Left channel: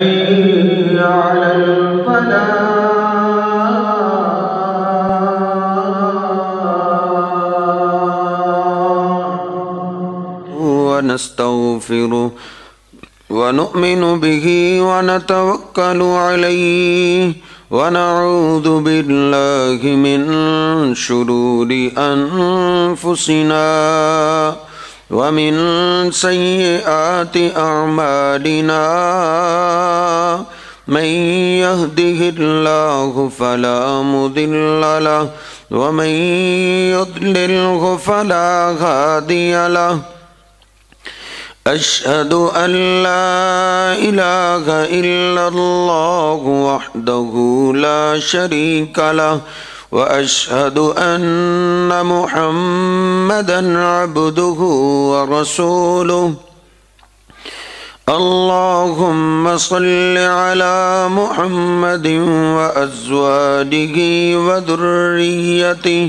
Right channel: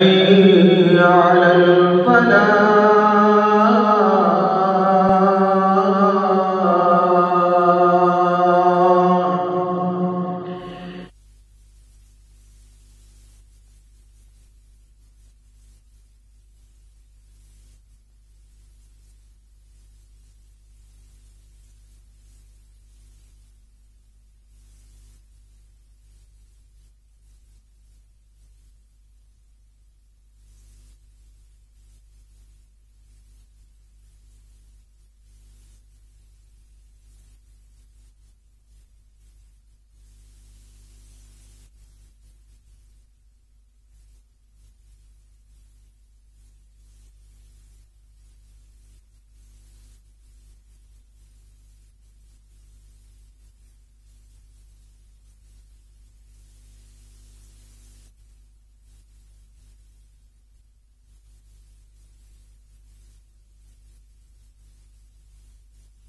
حي على الفلاح. ونستغفره ونؤمن به ونتوكل عليه ونعوذ بالله من شرور أنفسنا ومن سيئات أعمالنا من يهده الله فلا مضل له ومن يضلله فلا هادي له أشهد أن لا إله إلا الله وحده لا شريك له وأشهد أن محمدًا عبده ورسوله اللهم صل على محمد وأزواجه وذريته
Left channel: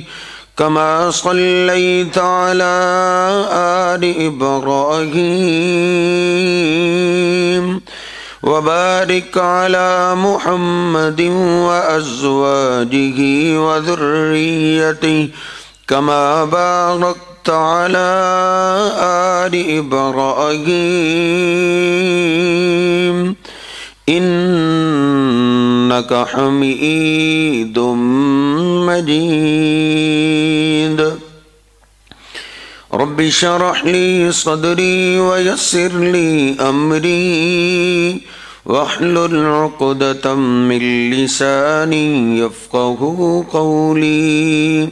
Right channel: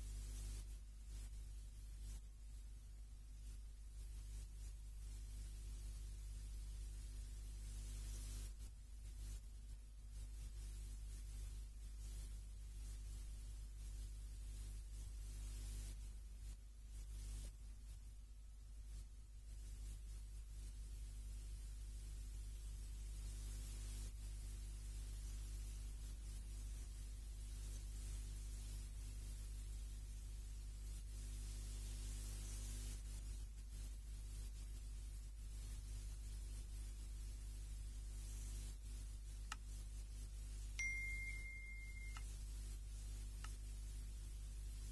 كما صليت على آل إبراهيم وبارك على محمد وأزواجه وذريته كما باركت على آل إبراهيم إنك حميد مجيد رب اشرح لي صدري ويسر لي أمري واحلل عقدة من لساني يفقهوا قولي۔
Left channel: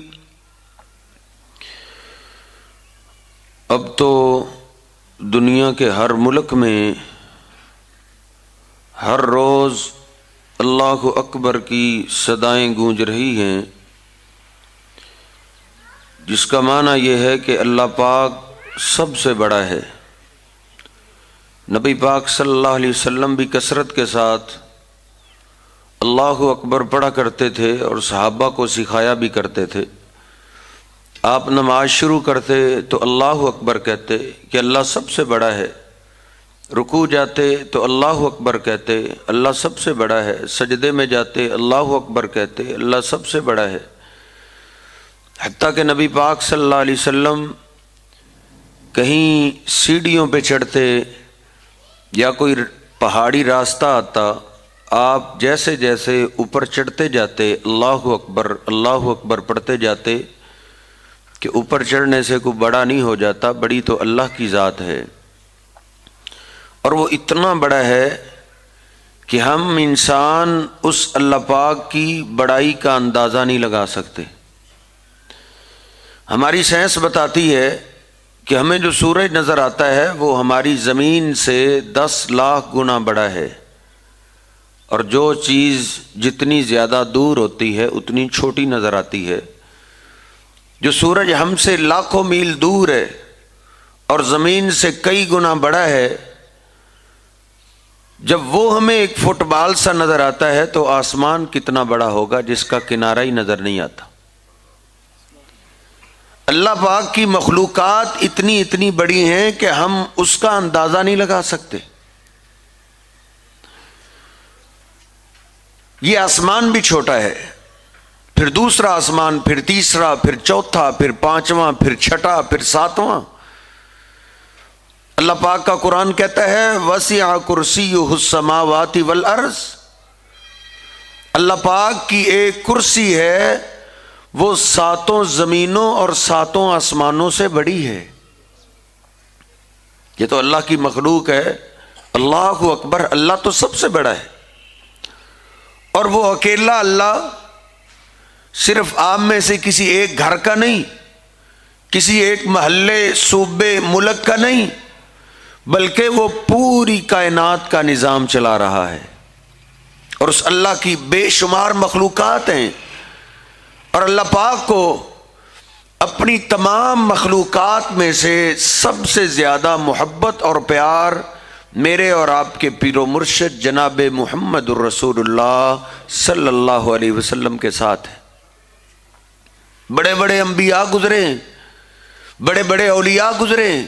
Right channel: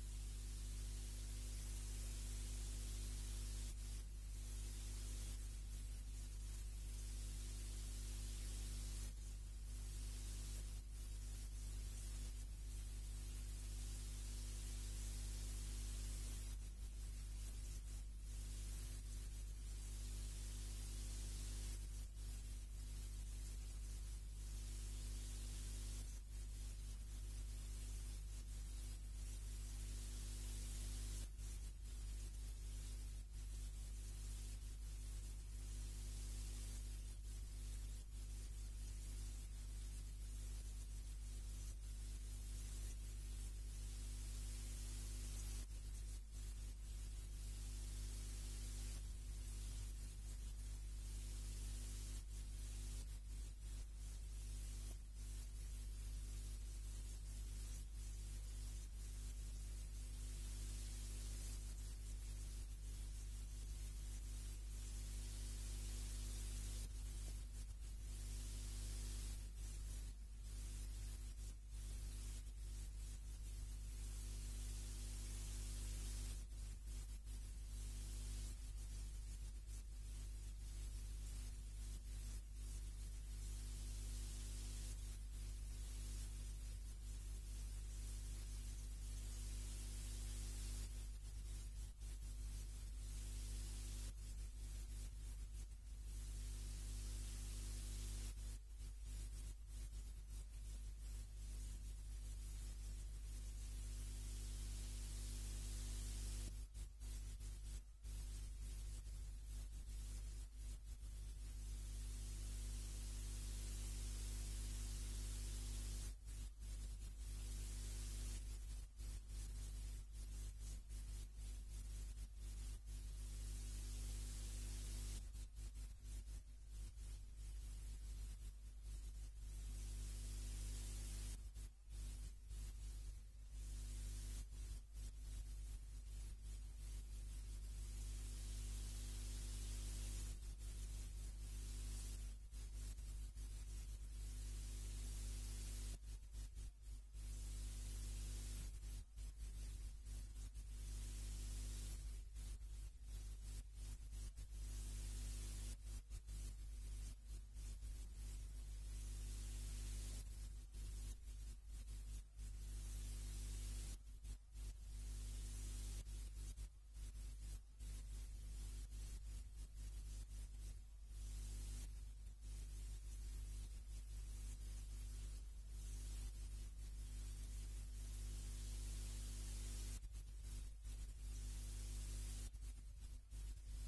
اب تو دنیا کے ہر ملک میں ہر روز اللہ اکبر کی صدائیں گونج رہی ہیں، جس کا معنی یہ ہے کہ اللہ پاک سب سے بڑا ہے۔ نبی پاک صلی اللہ علیہ وسلم بھی کثرت کے ساتھ اللہ اکبر پڑھا کرتے تھے اور صحابہ کو سکھایا بھی کرتے تھے۔ آپ نماز شروع کرتے تو اللہ اکبر کہتے کہ اللہ سب سے بڑا ہے، رکوع جاتے تو اللہ اکبر کہتے اللہ سب سے بڑا ہے، سجدے میں جاتے اللہ اکبر کہتے اللہ سب سے بڑا ہے۔ حتیٰ کہ نبی پاک صلی اللہ علیہ وسلم کہیں سیڑھیوں پہ چڑھتے یا کوئی پہاڑی راستہ آتا، آپ جیسے جیسے اوپر چڑھتے جاتے اللہ اکبر پڑھتے جاتے کہ اوپر چڑھنے سے کوئی بڑا نہیں ہو جاتا، بڑی تو اللہ کی ذات ہے، اور وہ اتنا بڑا ہے کہ ہم انسان اس اللہ پاک کی بڑائی کا اندازہ نہیں لگا سکتے۔ ہماری سائنس بتاتی ہے کہ ہمیں جو سورج نظر آتا ہے وہ ہماری زمین سے 10 لاکھ گنا بڑا ہے، اور جو چیز جتنی زیادہ دور ہوتی ہے اتنی چھوٹی نظر آتی ہے۔ جو سورج ہم سے لاکھوں میل دور ہے اور زمین سے کئی گنا بڑا ہے، جب وہ ہمیں ایک فٹ بال سا نظر آتا ہے تو آسمان کتنا بڑا ہوگا جس کا کنارہ ہی نظر نہیں آتا۔ اللہ پاک کی مخلوقات اتنی بڑی ہیں کہ ہم اس کا اندازہ نہیں لگا سکتے۔ یہ آسمان بھی چھوٹا ہے، پھر دوسرا آسمان، پھر تیسرا، پھر چوتھا، پھر پانچواں، پھر چھٹا، پھر ساتواں۔ اللہ پاک کا قرآن کہتا ہے وسع کرسیہ السماوات والارض، اللہ پاک کی ایک کرسی ہے، وہ 7 زمینوں اور 7 آسمانوں سے بڑی ہے۔ یہ تو اللہ کی مخلوق ہے۔ اللہ اکبر، اللہ تو سب سے بڑا ہے، اور وہ اکیلا اللہ صرف آپ میں سے کسی ایک گھر کا نہیں، کسی ایک محلے، صوبے، ملک کا نہیں، بلکہ وہ پوری کائنات کا نظام چلا رہا ہے، اور اس اللہ کی بے شمار مخلوقات ہیں، اور اللہ پاک کو اپنی تمام مخلوقات میں سے سب سے زیادہ محبت اور پیار میرے اور آپ کے پیر و مرشد جناب محمد الرسول اللہ صلی اللہ علیہ وسلم کے ساتھ ہے۔ بڑے بڑے انبیاء گزرے ہیں، بڑے بڑے اولیاء گزرے ہیں،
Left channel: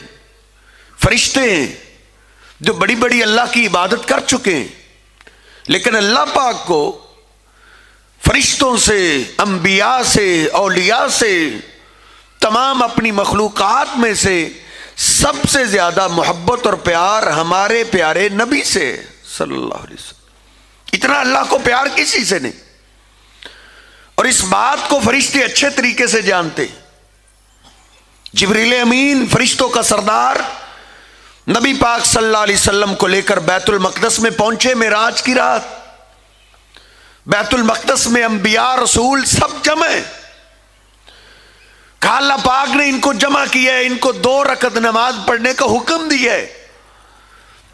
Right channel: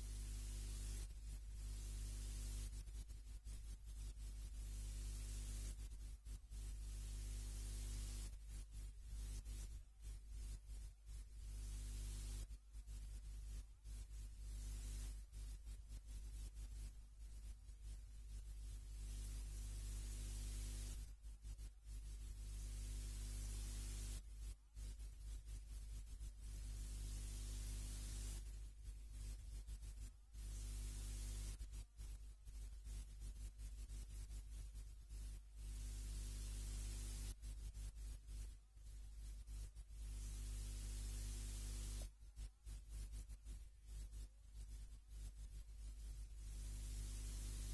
فرشتے ہیں جو بڑی بڑی اللہ کی عبادت کر چکے ہیں، لیکن اللہ پاک کو فرشتوں سے، انبیاء سے، اولیاء سے، تمام اپنی مخلوقات میں سے سب سے زیادہ محبت اور پیار ہمارے پیارے نبی سے صلی اللہ علیہ وسلم۔ اتنا اللہ کو پیار کسی سے نہیں، اور اس بات کو فرشتے اچھے طریقے سے جانتے۔ جبریل امین فرشتوں کا سردار نبی پاک صلی اللہ علیہ وسلم کو لے کر بیت المقدس میں پہنچے معراج کی رات۔ بیت المقدس میں انبیاء، رسول سب جمع ہیں۔ کہا اللہ پاک نے ان کو جمع کیا ہے، ان کو 2 رکعت نماز پڑھنے کا حکم دیا ہے۔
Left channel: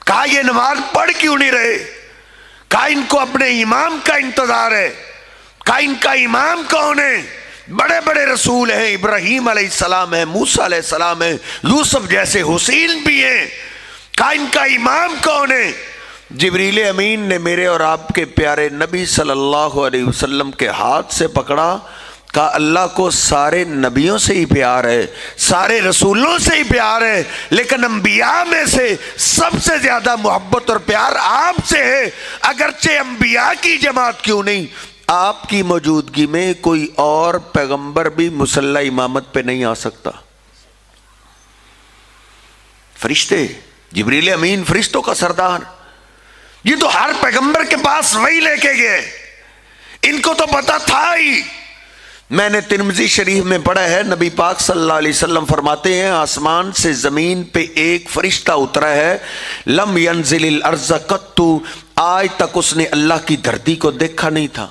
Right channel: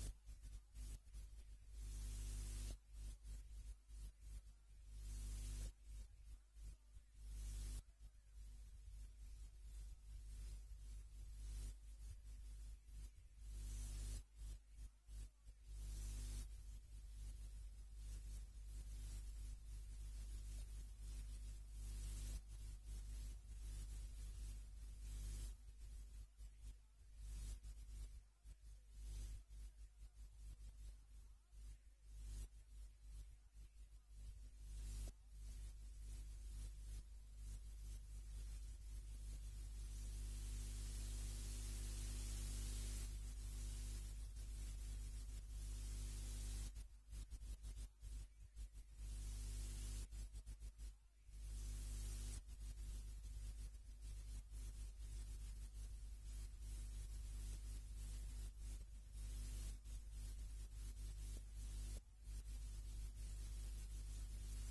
کہا یہ نماز پڑھ کیوں نہیں رہے؟ کہا ان کو اپنے امام کا انتظار ہے۔ کہا ان کا امام کون ہے؟ بڑے بڑے رسول ہیں، ابراہیم علیہ السلام ہیں، موسیٰ علیہ السلام ہیں، یوسف جیسے حسین بھی ہیں۔ کہا ان کا امام کون ہے؟ جبریل امین نے میرے اور آپ کے پیارے نبی صلی اللہ علیہ وسلم کے ہاتھ سے پکڑا، کہا اللہ کو سارے نبیوں سے ہی پیار ہے، سارے رسولوں سے ہی پیار ہے، لیکن انبیاء میں سے سب سے زیادہ محبت اور پیار آپ سے ہے۔ اگرچہ انبیاء کی جماعت کیوں نہیں، آپ کی موجودگی میں کوئی اور پیغمبر بھی مصلی امامت پہ نہیں آ سکتا۔ فرشتے، جبریل امین فرشتوں کا سردار، یہ تو ہر پیغمبر کے پاس وہی لے کے گئے، ان کو تو پتا تھا ہی۔ میں نے ترمذی شریف میں پڑھا ہے، نبی پاک صلی اللہ علیہ وسلم فرماتے ہیں آسمان سے زمین پہ ایک فرشتہ اترا ہے، لم ینزل الارض قط، آج تک اس نے اللہ کی دھرتی کو دیکھا نہیں تھا،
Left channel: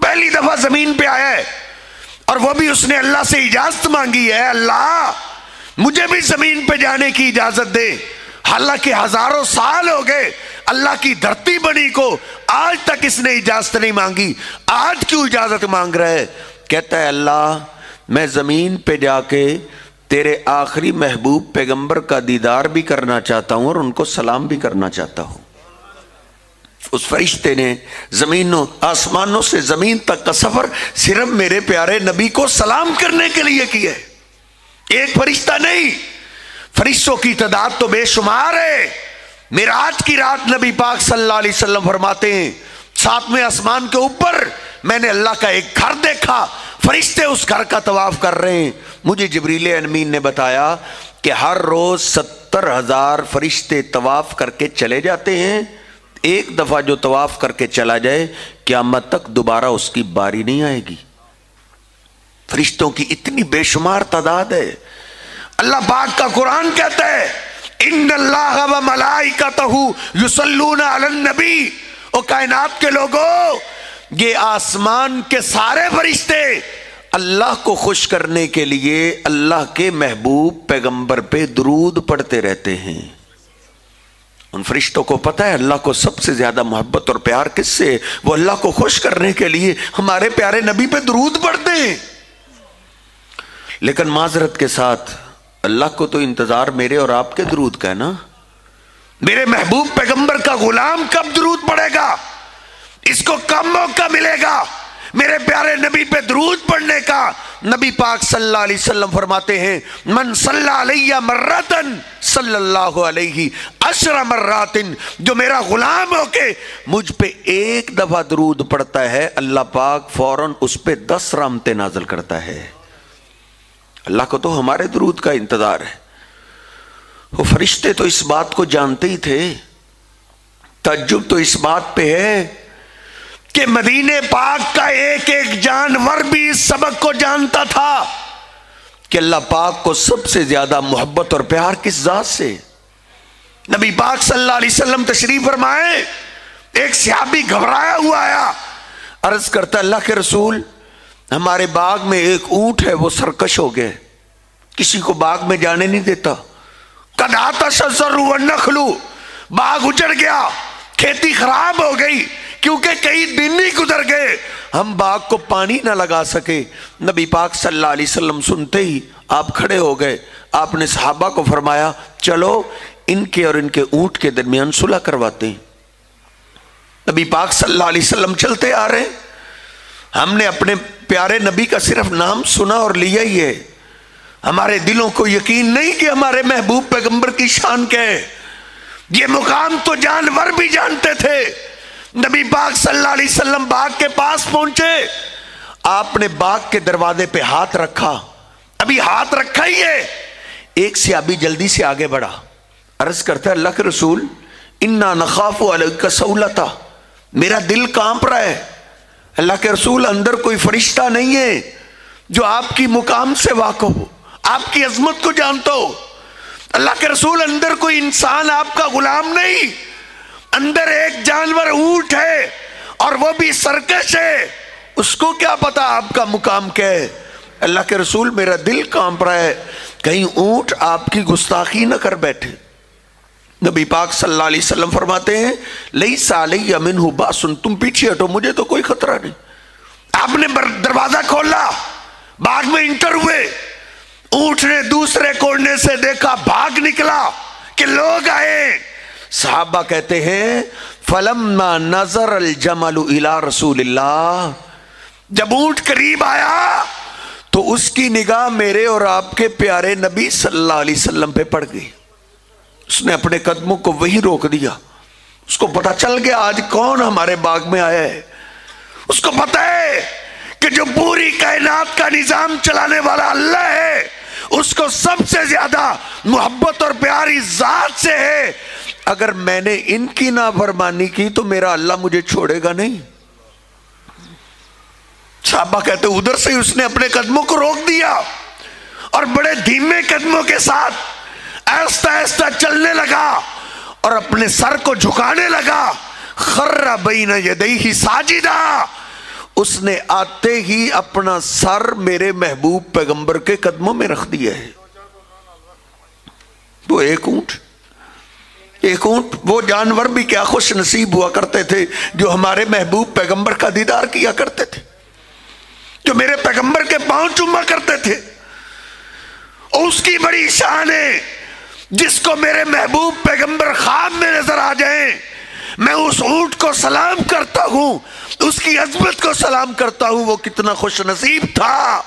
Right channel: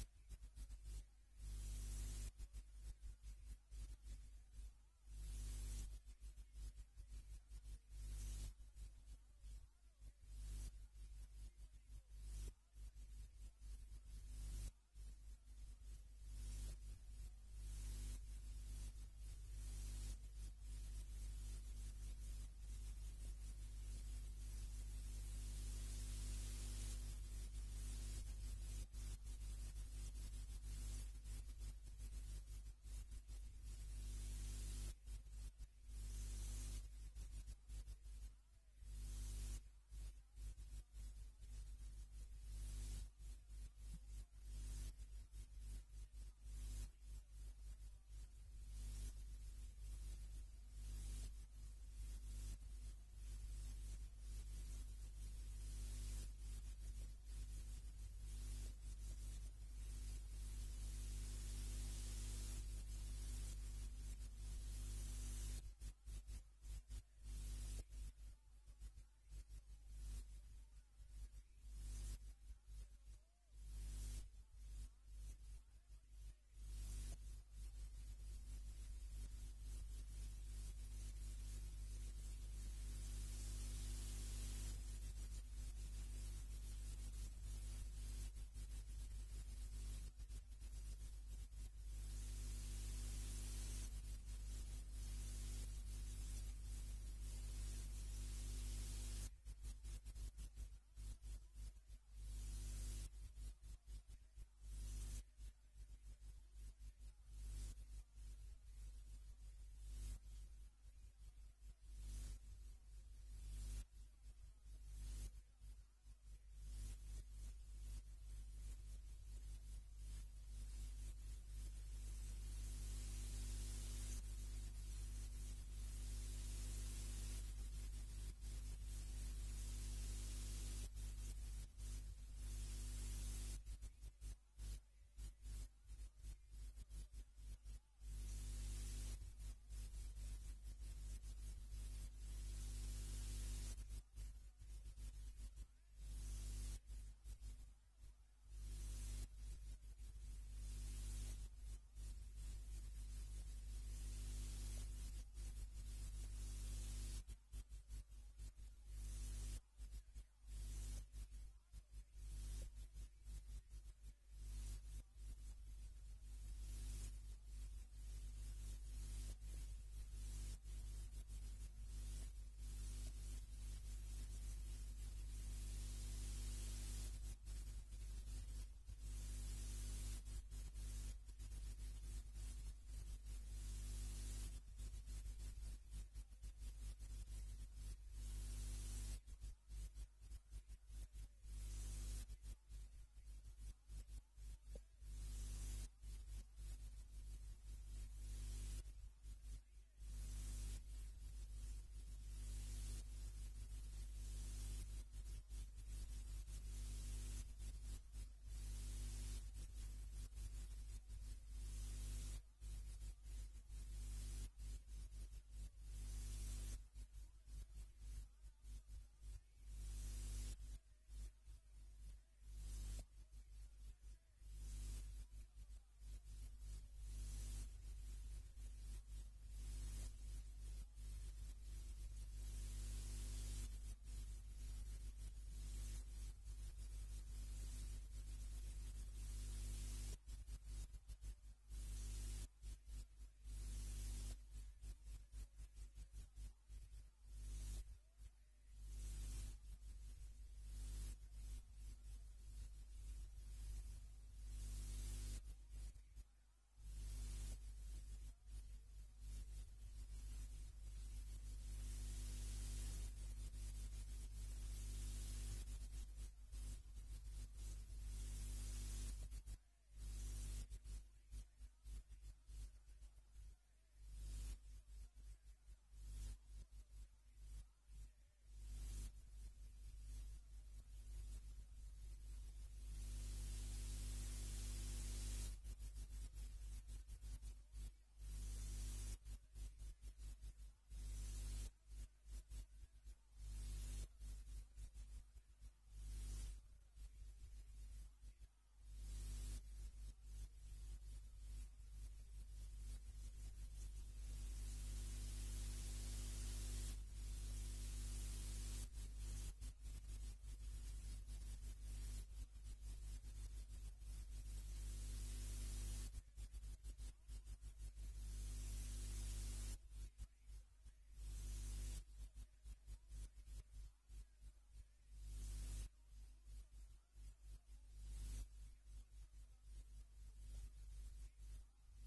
پہلی دفعہ زمین پہ آیا ہے، اور وہ بھی اس نے اللہ سے اجازت مانگی ہے، اللہ مجھے بھی زمین پہ جانے کی اجازت دے۔ حالانکہ ہزاروں سال ہو گئے اللہ کی دھرتی بنی کو، آج تک اس نے اجازت نہیں مانگی، آج کیوں اجازت مانگ رہا ہے؟ کہتا ہے اللہ میں زمین پہ جا کے تیرے آخری محبوب پیغمبر کا دیدار بھی کرنا چاہتا ہوں اور ان کو سلام بھی کرنا چاہتا ہوں۔ اس فرشتے نے زمینوں آسمانوں سے زمین تک کا سفر صرف میرے پیارے نبی کو سلام کرنے کے لیے کیا ہے، ایک فرشتہ نہیں، فرشتوں کی تعداد تو بے شمار ہے۔ معراج کی رات نبی پاک صلی اللہ علیہ وسلم فرماتے ہیں 7ویں آسمان کے اوپر میں نے اللہ کا ایک گھر دیکھا، فرشتے اس گھر کا طواف کر رہے ہیں۔ مجھے جبریل امین نے بتایا کہ ہر روز 70,000 فرشتے طواف کر کے چلے جاتے ہیں، ایک دفعہ جو طواف کر کے چلا جائے قیامت تک دوبارہ اس کی باری نہیں آئے گی۔ فرشتوں کی اتنی بے شمار تعداد ہے۔ اللہ پاک کا قرآن کہتا ہے ان اللہ و ملائکتہ یصلون علی النبی، او کائنات کے لوگوں، یہ آسمان کے سارے فرشتے اللہ کو خوش کرنے کے لیے اللہ کے محبوب پیغمبر پہ درود پڑھتے رہتے ہیں۔ ان فرشتوں کو پتہ ہے اللہ کو سب سے زیادہ محبت اور پیار کس سے، وہ اللہ کو خوش کرنے کے لیے ہمارے پیارے نبی پہ درود پڑھتے ہیں۔ لیکن معذرت کے ساتھ اللہ کو تو انتظار میرے اور آپ کے درود کا ہے نا، میرے محبوب پیغمبر کا غلام کب درود پڑھے گا، اس کو کب موقع ملے گا میرے پیارے نبی پہ درود پڑھنے کا؟ نبی پاک صلی اللہ علیہ وسلم فرماتے ہیں من صلی علیہ مرتن صلی اللہ علیہ 10 مرات، جو میرا غلام ہو کے مجھ پہ ایک دفعہ درود پڑھتا ہے اللہ پاک فوراً اس پہ 10 رحمتیں نازل کرتا ہے۔ اللہ کو تو ہمارے درود کا انتظار ہے۔ وہ فرشتے تو اس بات کو جانتے ہی تھے۔ تعجب تو اس بات پہ ہے کہ مدینہ پاک کا ایک ایک جانور بھی اس سبق کو جانتا تھا کہ اللہ پاک کو سب سے زیادہ محبت اور پیار کس ذات سے۔ نبی پاک صلی اللہ علیہ وسلم تشریف فرمائے، ایک صحابی گھبرایا ہوا آیا، عرض کرتا اللہ کے رسول ہمارے باغ میں ایک اونٹ ہے وہ سرکش ہو گئے، کسی کو باغ میں جانے نہیں دیتا، قد عطش الزرع والنخل، باغ اجڑ گیا، کھیتی خراب ہو گئی کیونکہ کئی دن ہی گزر گئے، ہم باغ کو پانی نہ لگا سکے۔ نبی پاک صلی اللہ علیہ وسلم سنتے ہی آپ کھڑے ہو گئے، آپ نے صحابہ کو فرمایا چلو ان کے اور ان کے اونٹ کے درمیان صلح کرواتے ہیں۔ نبی پاک صلی اللہ علیہ وسلم چلتے آ رہے ہیں، ہم نے اپنے پیارے نبی کا صرف نام سنا اور لیا ہی ہے، ہمارے دلوں کو یقین نہیں کہ ہمارے محبوب پیغمبر کی شان کیا ہے۔ یہ مقام تو جانور بھی جانتے تھے، نبی پاک صلی اللہ علیہ وسلم باغ کے پاس پہنچے، آپ نے باغ کے دروازے پہ ہاتھ رکھا، ابھی ہاتھ رکھا ہی ہے، ایک صحابی جلدی سے آگے بڑھا، عرض کرتا ہے اللہ کے رسول انا نخاف علیک سولتا، میرا دل کانپ رہا ہے، اللہ کے رسول اندر کوئی فرشتہ نہیں ہے جو آپ کی مقام سے واقف ہو، آپ کی عظمت کو جانتا ہو؟ اللہ کے رسول اندر کوئی انسان آپ کا غلام نہیں، اندر ایک جانور اونٹ ہے اور وہ بھی سرکش ہے، اس کو کیا پتا آپ کا مقام کیا ہے؟ اللہ کے رسول میرا دل کانپ رہا ہے، کہیں اونٹ آپ کی گستاخی نہ کر بیٹھے۔ نبی پاک صلی اللہ علیہ وسلم فرماتے ہیں لیس علی منہ باس، تم پیچھے ہٹو، مجھے تو کوئی خطرہ نہیں۔ آپ نے دروازہ کھولا، باغ میں انٹر ہوئے، اونٹ نے دوسرے کونے سے دیکھا، بھاگ نکلا کہ لوگ آئے۔ صحابہ کہتے ہیں فلما نظر الجمل الی رسول اللہ، جب اونٹ قریب آیا تو اس کی نگاہ میرے اور آپ کے پیارے نبی صلی اللہ علیہ وسلم پہ پڑ گئی، اس نے اپنے قدموں کو وہی روک دیا، اس کو پتا چل گیا آج کون ہمارے باغ میں آیا ہے، اس کو پتا ہے کہ جو پوری کائنات کا نظام چلانے والا اللہ ہے، اس کو سب سے زیادہ محبت اور پیاری ذات سے ہے، اگر میں نے ان کی نافرمانی کی تو میرا اللہ مجھے چھوڑے گا نہیں۔ صحابہ کہتے ادھر سے اس نے اپنے قدموں کو روک دیا اور بڑے دھیمے قدموں کے ساتھ آہستہ آہستہ چلنے لگا اور اپنے سر کو جھکانے لگا، خر بین یدیہ ساجدا، اس نے آتے ہی اپنا سر میرے محبوب پیغمبر کے قدموں میں رکھ دیا ہے۔ وہ ایک اونٹ، وہ جانور بھی کیا خوش نصیب ہوا کرتے تھے جو ہمارے محبوب پیغمبر کا دیدار کیا کرتے تھے، جو میرے پیغمبر کے پاؤں چوما کرتے تھے۔ اور اس کی بڑی شان ہے، جس کو میرے محبوب پیغمبر خواب میں نظر آ جائیں، میں اس اونٹ کو سلام کرتا ہوں، اس کی عظمت کو سلام کرتا ہوں۔ وہ کتنا خوش نصیب تھا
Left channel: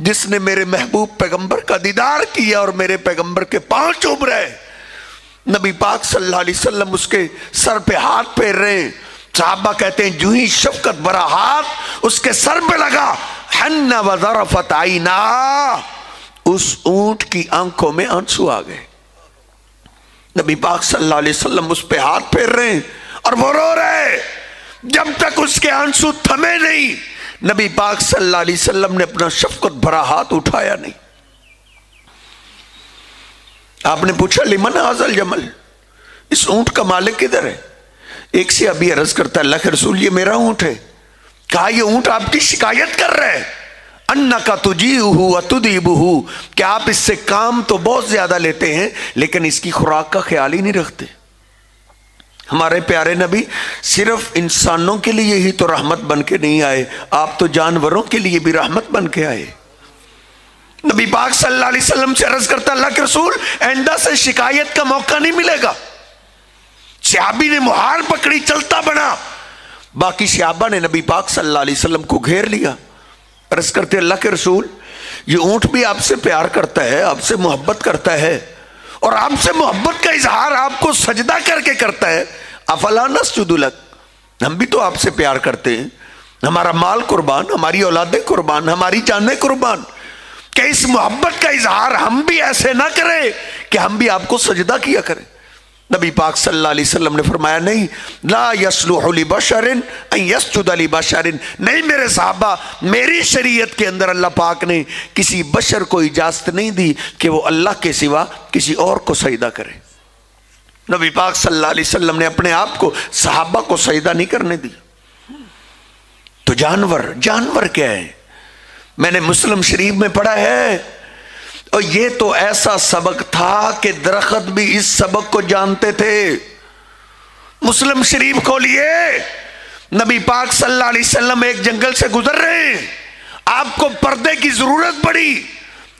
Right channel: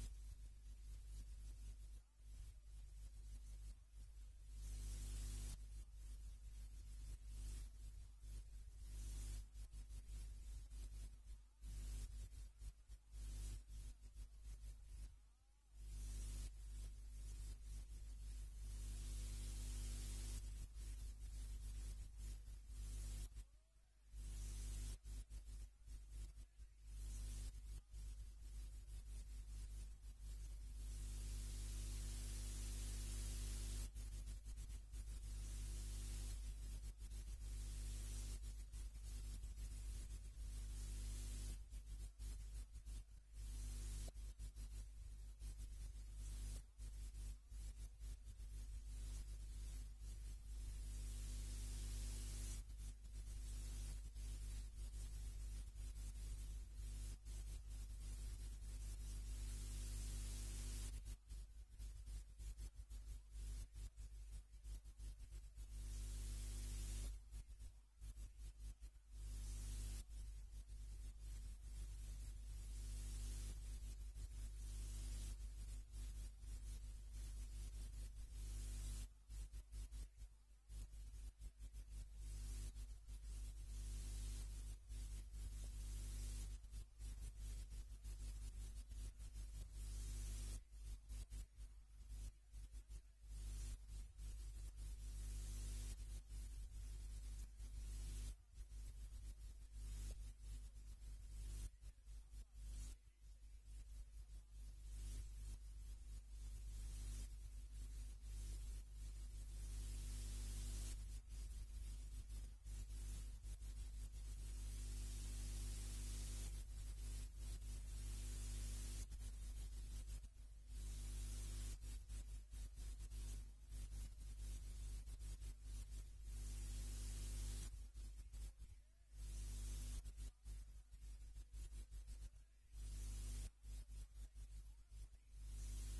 جس نے میرے محبوب پیغمبر کا دیدار کیا اور میرے پیغمبر کے پاؤں چوم رہے۔ نبی پاک صلی اللہ علیہ وسلم اس کے سر پہ ہاتھ پھیر رہے ہیں، صحابہ کہتے ہیں جو ہی شفقت بھرا ہاتھ اس کے سر پہ لگا، حن وظرفت عینا، اس اونٹ کی آنکھوں میں آنسو آ گئے۔ نبی پاک صلی اللہ علیہ وسلم اس پہ ہاتھ پھیر رہے ہیں اور وہ رو رہے، جب تک اس کے آنسو تھمے نہیں نبی پاک صلی اللہ علیہ وسلم نے اپنا شفقت بھرا ہاتھ اٹھایا نہیں۔ آپ نے پوچھا لمن ھذا الجمل، اس اونٹ کا مالک کدھر ہے؟ ایک سے ابھی عرض کرتا ہے اللہ کے رسول یہ میرا اونٹ ہے۔ کہا یہ اونٹ آپ کی شکایت کر رہے ہیں، انکا تجیئہ وتدیبہ، کہ آپ اس سے کام تو بہت زیادہ لیتے ہیں لیکن اس کی خوراک کا خیال ہی نہیں رکھتے۔ ہمارے پیارے نبی صرف انسانوں کے لیے ہی تو رحمت بن کے نہیں آئے، آپ تو جانوروں کے لیے بھی رحمت بن کے آئے۔ نبی پاک صلی اللہ علیہ وسلم سے عرض کرتا اللہ کے رسول آئندہ سے شکایت کا موقع نہیں ملے گا۔ صحابی نے مہار پکڑی، چلتا بنا، باقی صحابہ نے نبی پاک صلی اللہ علیہ وسلم کو گھیر لیا، عرض کرتے اللہ کے رسول یہ اونٹ بھی آپ سے پیار کرتا ہے، آپ سے محبت کرتا ہے، اور آپ سے محبت کا اظہار آپ کو سجدہ کر کے کرتا ہے، افلا نسجد لک، ہم بھی تو آپ سے پیار کرتے ہیں، ہمارا مال قربان، ہماری اولادیں قربان، ہماری جانیں قربان، کہ اس محبت کا اظہار ہم بھی ایسے نہ کریں کہ ہم بھی آپ کو سجدہ کیا کریں۔ نبی پاک صلی اللہ علیہ وسلم نے فرمایا نہیں، لا یصلح لبشر ان یسجد لبشر، نہیں میرے صحابہ، میری شریعت کے اندر اللہ پاک نے کسی بشر کو اجازت نہیں دی کہ وہ اللہ کے سوا کسی اور کو سجدہ کرے۔ نبی پاک صلی اللہ علیہ وسلم نے اپنے آپ کو صحابہ کو سجدہ نہیں کرنے دی۔ تو جانور کیا ہے؟ میں نے مسلم شریف میں پڑھا ہے، اور یہ تو ایسا سبق تھا کہ درخت بھی اس سبق کو جانتے تھے۔ مسلم شریف کھولیے، نبی پاک صلی اللہ علیہ وسلم ایک جنگل سے گزر رہے ہیں، آپ کو پردے کی ضرورت پڑی،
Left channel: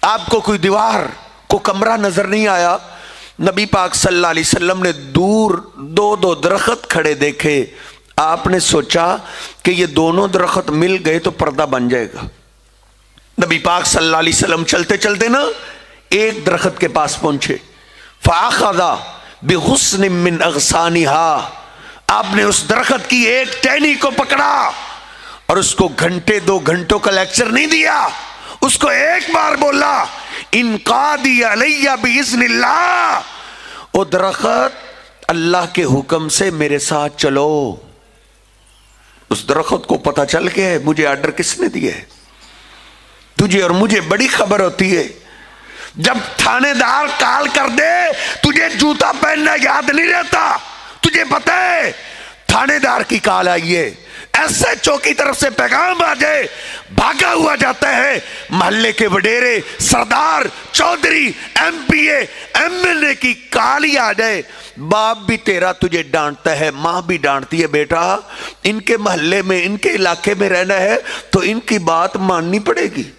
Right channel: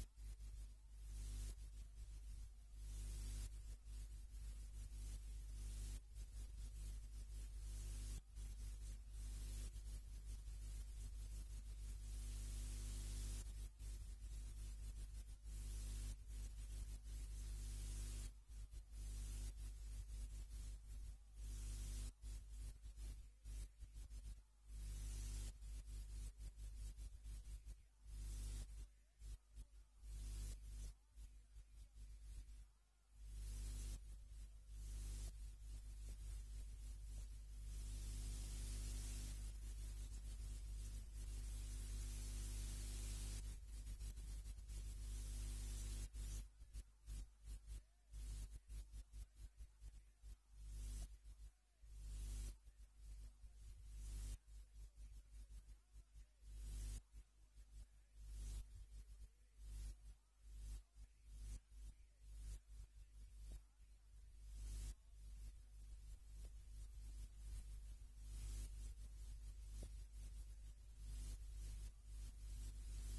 آپ کو کوئی دیوار کو کمرہ نظر نہیں آیا، نبی پاک صلی اللہ علیہ وسلم نے دور دو درخت کھڑے دیکھے، آپ نے سوچا کہ یہ دونوں درخت مل گئے تو پردہ بن جائے گا۔ نبی پاک صلی اللہ علیہ وسلم چلتے چلتے نا ایک درخت کے پاس پہنچے، فَأَخَذَ بِغُصْنٍ مِّنْ أَغْصَانِهَا، آپ نے اس درخت کی ایک ٹہنی کو پکڑا اور اس کو گھنٹے 2 گھنٹوں کا لیکچر نہیں دیا، اس کو ایک بار بولا انقادی علیہ باذن اللہ، او درخت اللہ کے حکم سے میرے ساتھ چلو۔ اس درخت کو پتہ چل گیا ہے مجھے آرڈر کس نے دیا ہے۔ تجھے اور مجھے بڑی خبر ہوتی ہے، جب تھانے دار کال کر دے تجھے جوتا پہننا یاد نہیں رہتا، تجھے پتہ ہے تھانے دار کی کال آئی ہے، ایس ایچ او کی طرف سے پیغام آ جائے، بھاگا ہوا جاتا ہے، محلے کے وڈیرے، سردار، چودھری، M P A, M L A کی کال ہی آ جائے، باپ بھی تیرا تجھے ڈانٹتا ہے، ماں بھی ڈانٹتی ہے، بیٹا ان کے محلے میں ان کے علاقے میں رہنا ہے تو ان کی بات ماننی پڑے گی۔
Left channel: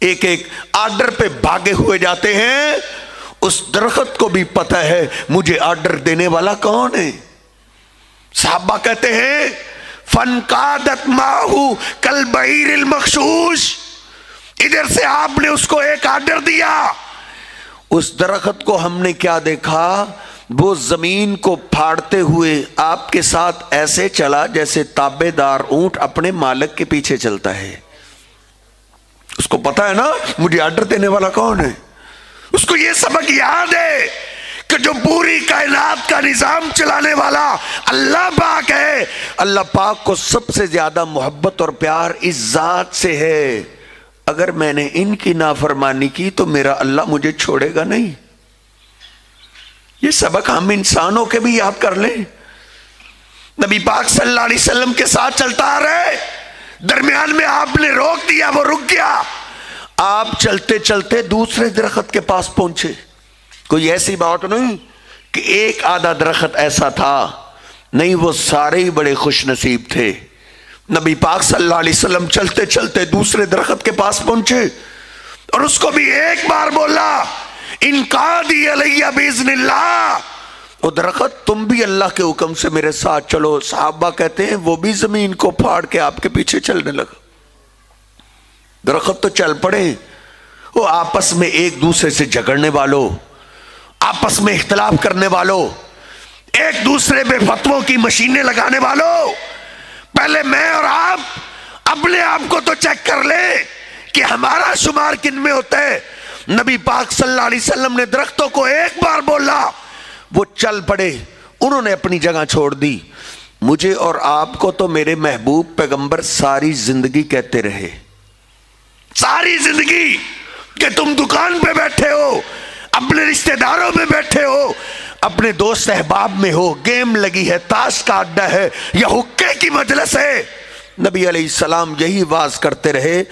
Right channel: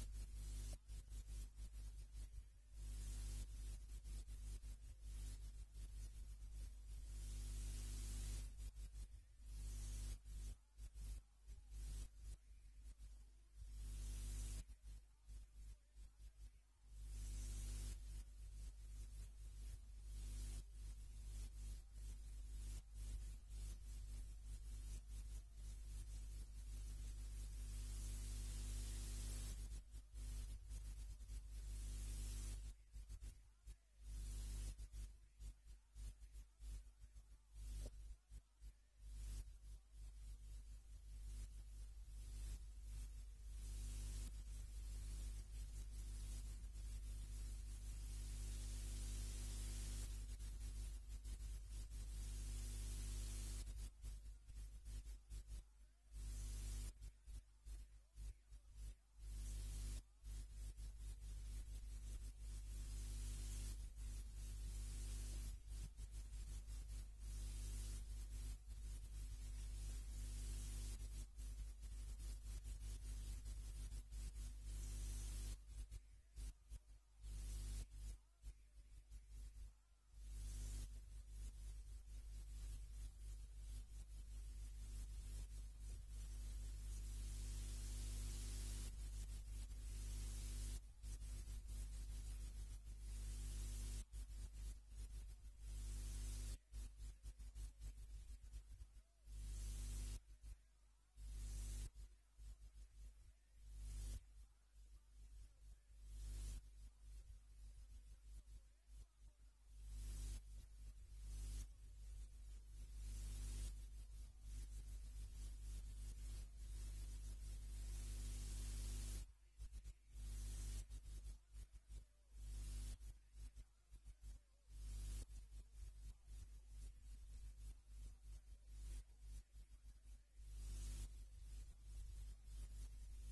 ایک ایک آرڈر پہ بھاگے ہوئے جاتے ہیں۔ اس درخت کو بھی پتہ ہے مجھے آرڈر دینے والا کون ہے۔ صحابہ کہتے ہیں فَانْقَادَتْ مَعَهُ كَالْبَعِيرِ الْمَخْشُوشِ، ادھر سے آپ نے اس کو ایک آرڈر دیا۔ اس درخت کو ہم نے کیا دیکھا، وہ زمین کو پھاڑتے ہوئے آپ کے ساتھ ایسے چلا جیسے تابع دار اونٹ اپنے مالک کے پیچھے چلتا ہے۔ اس کو پتا ہے نا مجھے آرڈر دینے والا کون ہے، اس کو یہ سبق یاد ہے کہ جو پوری کائنات کا نظام چلانے والا اللہ پاک ہے، اللہ پاک کو سب سے زیادہ محبت اور پیار اس ذات سے ہے، اگر میں نے ان کی نافرمانی کی تو میرا اللہ مجھے چھوڑے گا نہیں۔ یہ سبق ہم انسانوں کے بھی یاد کر لیں۔ نبی پاک صلی اللہ علیہ وسلم کے ساتھ چلتا آ رہے، درمیان میں آپ نے روک دیا، وہ رک گیا، آپ چلتے چلتے دوسرے درخت کے پاس پہنچے۔ کوئی ایسی بات نہیں کہ ایک آدھا درخت ایسا تھا، نہیں، وہ سارے ہی بڑے خوش نصیب تھے۔ نبی پاک صلی اللہ علیہ وسلم چلتے چلتے دوسرے درخت کے پاس پہنچے اور اس کو بھی ایک بار بولا انقادی علیہ باذن اللہ، وہ درخت تم بھی اللہ کے حکم سے میرے ساتھ چلو۔ صحابہ کہتے ہیں وہ بھی زمین کو پھاڑ کے آپ کے پیچھے چلنے لگا۔ درخت تو چل پڑے، وہ آپس میں ایک دوسرے سے جھگڑنے والوں، آپس میں اختلاف کرنے والوں، ایک دوسرے پہ فتووں کی مشینیں لگانے والوں، پہلے میں اور آپ اپنے آپ کو تو چیک کر لیں کہ ہمارا شمار کن میں ہوتا ہے۔ نبی پاک صلی اللہ علیہ وسلم نے درختوں کو ایک بار بولا، وہ چل پڑے، انہوں نے اپنی جگہ چھوڑ دی۔ مجھے اور آپ کو تو میرے محبوب پیغمبر ساری زندگی کہتے رہے، ساری زندگی، کہ تم دکان پہ بیٹھے ہو، اپنے رشتہ داروں میں بیٹھے ہو، اپنے دوست احباب میں ہو، گیم لگی ہے، تاش کا اڈا ہے یا حقے کی مجلس ہے، نبی علیہ السلام یہی واز کرتے رہے،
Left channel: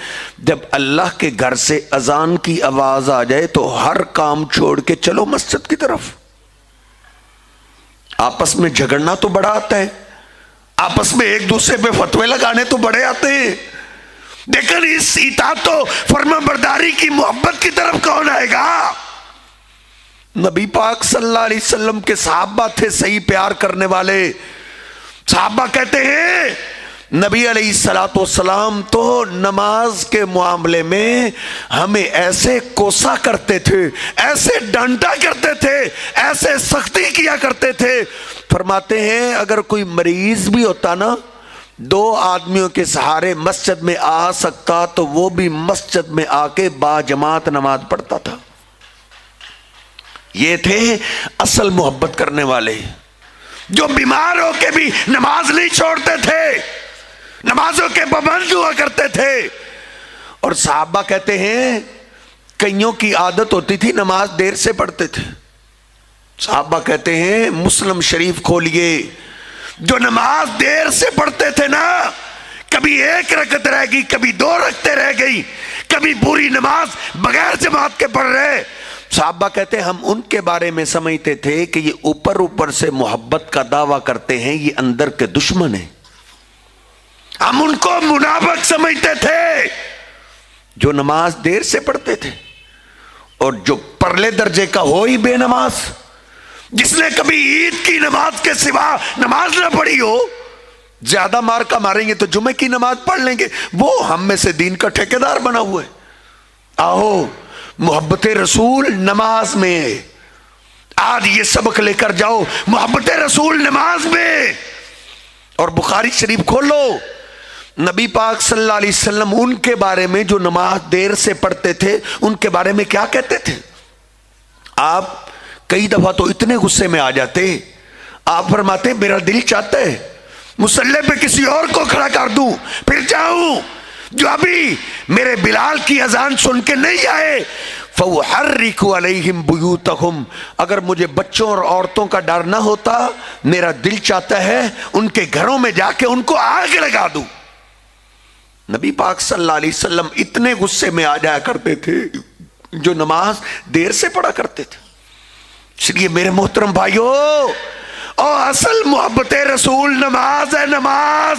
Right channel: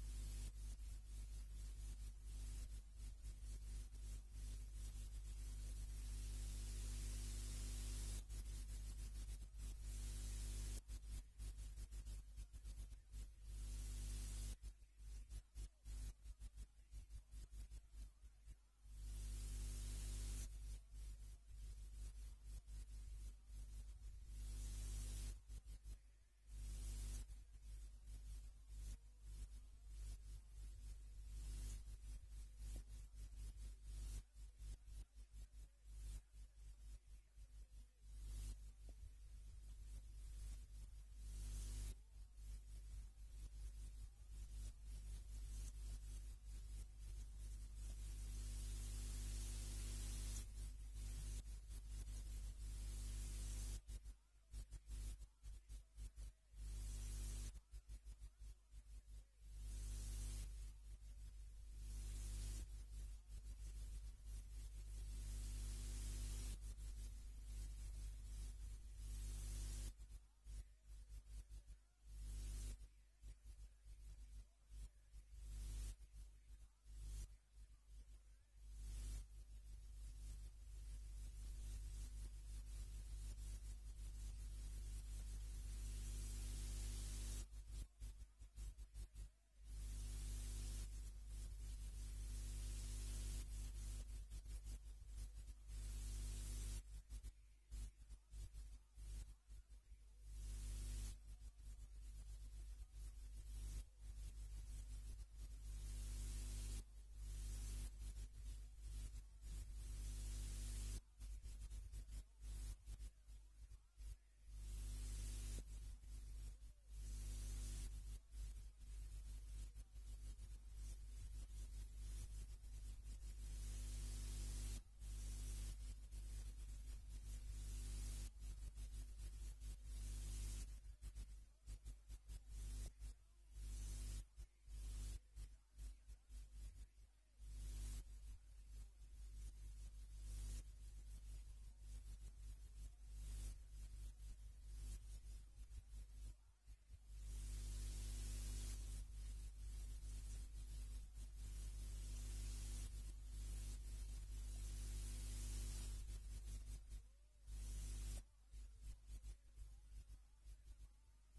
جب اللہ کے گھر سے اذان کی آواز آ جائے تو ہر کام چھوڑ کے چلو مسجد کی طرف۔ آپس میں جھگڑنا تو بڑا آتا ہے، آپس میں ایک دوسرے پہ فتوے لگانے تو بڑے آتے ہیں، لیکن اس اطاعت و فرما برداری کی محبت کی طرف کون آئے گا؟ نبی پاک صلی اللہ علیہ وسلم کے صحابہ تھے صحیح پیار کرنے والے۔ صحابہ کہتے ہیں نبی علیہ السلام تو نماز کے معاملے میں ہمیں ایسے کوسا کرتے تھے، ایسے ڈانٹا کرتے تھے، ایسے سختی کیا کرتے تھے، فرماتے ہیں اگر کوئی مریض بھی ہوتا نا، 2 آدمیوں کے سہارے مسجد میں آ سکتا تو وہ بھی مسجد میں آ کے با جماعت نماز پڑھتا تھا۔ یہ تھے اصل محبت کرنے والے، جو بیمار ہو کے بھی نماز نہیں چھوڑتے تھے، نمازوں کے پابند ہوا کرتے تھے۔ اور صحابہ کہتے ہیں کئیوں کی عادت ہوتی تھی نماز دیر سے پڑھتے تھے۔ صحابہ کہتے ہیں مسلم شریف کھولیے، جو نماز دیر سے پڑھتے تھے نا، کبھی 1 رکعت رہ گئی، کبھی 2 رکعتیں رہ گئی، کبھی پوری نماز بغیر جماعت کے پڑھ رہے، صحابہ کہتے ہیں ہم ان کے بارے میں سمجھتے تھے کہ یہ اوپر سے محبت کا دعویٰ کرتے ہیں، یہ اندر کے دشمن ہیں۔ ہم ان کو منافق سمجھتے تھے جو نماز دیر سے پڑھتے تھے، اور جو پرلے درجے کا ہو ہی بے نماز، جس نے کبھی عید کی نماز کے سوا نماز نہ پڑھی ہو، زیادہ مار کا ماریں گے تو جمعے کی نماز پڑھ لیں گے، وہ ہم میں سے دین کا ٹھیکیدار بنا ہوا ہے۔ آؤ محبت رسول نماز میں ہے، آج یہ سبق لے کر جاؤ محبت رسول نماز میں. اور بخاری شریف کھولو، نبی پاک صلی اللہ علیہ وسلم ان کے بارے میں جو نماز دیر سے پڑھتے تھے ان کے بارے میں کیا کہتے تھے. آپ کئی دفعہ تو اتنے غصے میں آ جاتے، آپ فرماتے میرا دل چاہتا ہے مصلی پہ کسی اور کو کھڑا کر دوں پھر جاؤں، جو ابھی میرے بلال کی اذان سن کے نہیں آئے. فَوْحَرِّكُ عَلَيْهِمْ بُيُوتَهُمْ، اگر مجھے بچوں اور عورتوں کا ڈر نہ ہوتا میرا دل چاہتا ہے ان کے گھروں میں جا کے ان کو آگ لگا دوں. نبی پاک صلی اللہ علیہ وسلم اتنے غصے میں آ جایا کرتے تھے جو نماز دیر سے پڑھا کرتے تھے. اس لیے میرے محترم بھائیو، اور اصل محبت رسول نماز ہے. نماز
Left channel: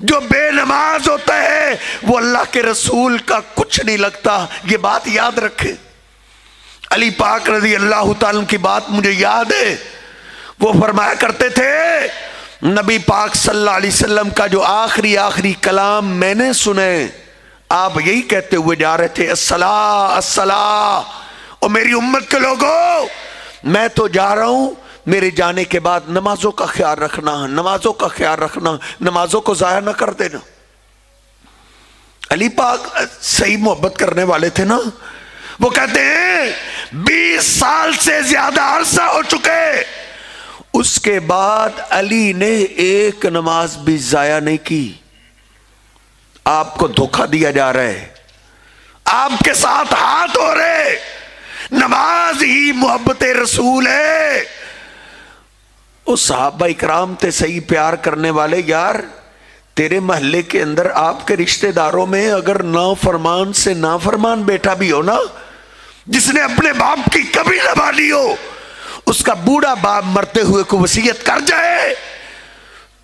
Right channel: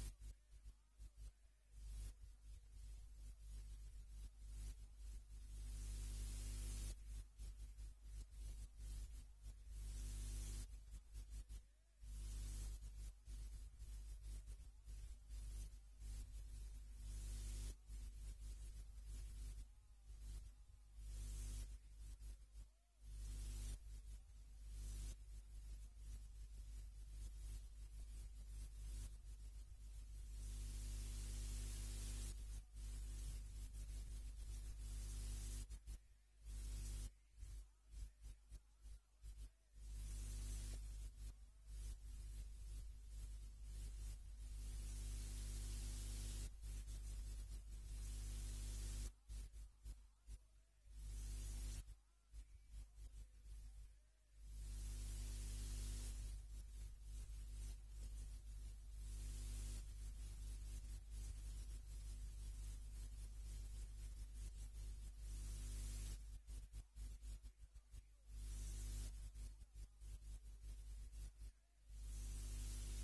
جو بے نماز ہوتا ہے وہ اللہ کے رسول کا کچھ نہیں لگتا، یہ بات یاد رکھے. علی پاک رضی اللہ تعالیٰ کی بات مجھے یاد ہے، وہ فرمایا کرتے تھے نبی پاک صلی اللہ علیہ وسلم کا جو آخری کلام میں نے سنے، آپ یہی کہتے ہوئے جا رہے تھے الصلاۃ الصلاۃ. اور میری امت کے لوگوں، میں تو جا رہا ہوں، میرے جانے کے بعد نمازوں کا خیال رکھنا، نمازوں کا خیال رکھنا، نمازوں کو ضائع نہ کر دینا. علی پاک صحیح محبت کرنے والے تھے نا. وہ کہتے ہیں 20 سال سے زیادہ عرصہ ہو چکے، اس کے بعد علی نے ایک نماز بھی ضائع نہیں کی. آپ کو دھوکہ دیا جا رہا ہے، آپ کے ساتھ ہاتھ ہو رہے. نماز ہی محبت رسول ہے. اس صحابہ اکرام تے صحیح پیار کرنے والے، یار تیرے محلے کے اندر آپ کے رشتہ داروں میں اگر نافرمان سے نافرمان بیٹا بھی ہو نا، جس نے اپنے باپ کی کبھی نہ مانی ہو، اس کا بوڑھا باپ مرتے ہوئے کو وصیت کر جائے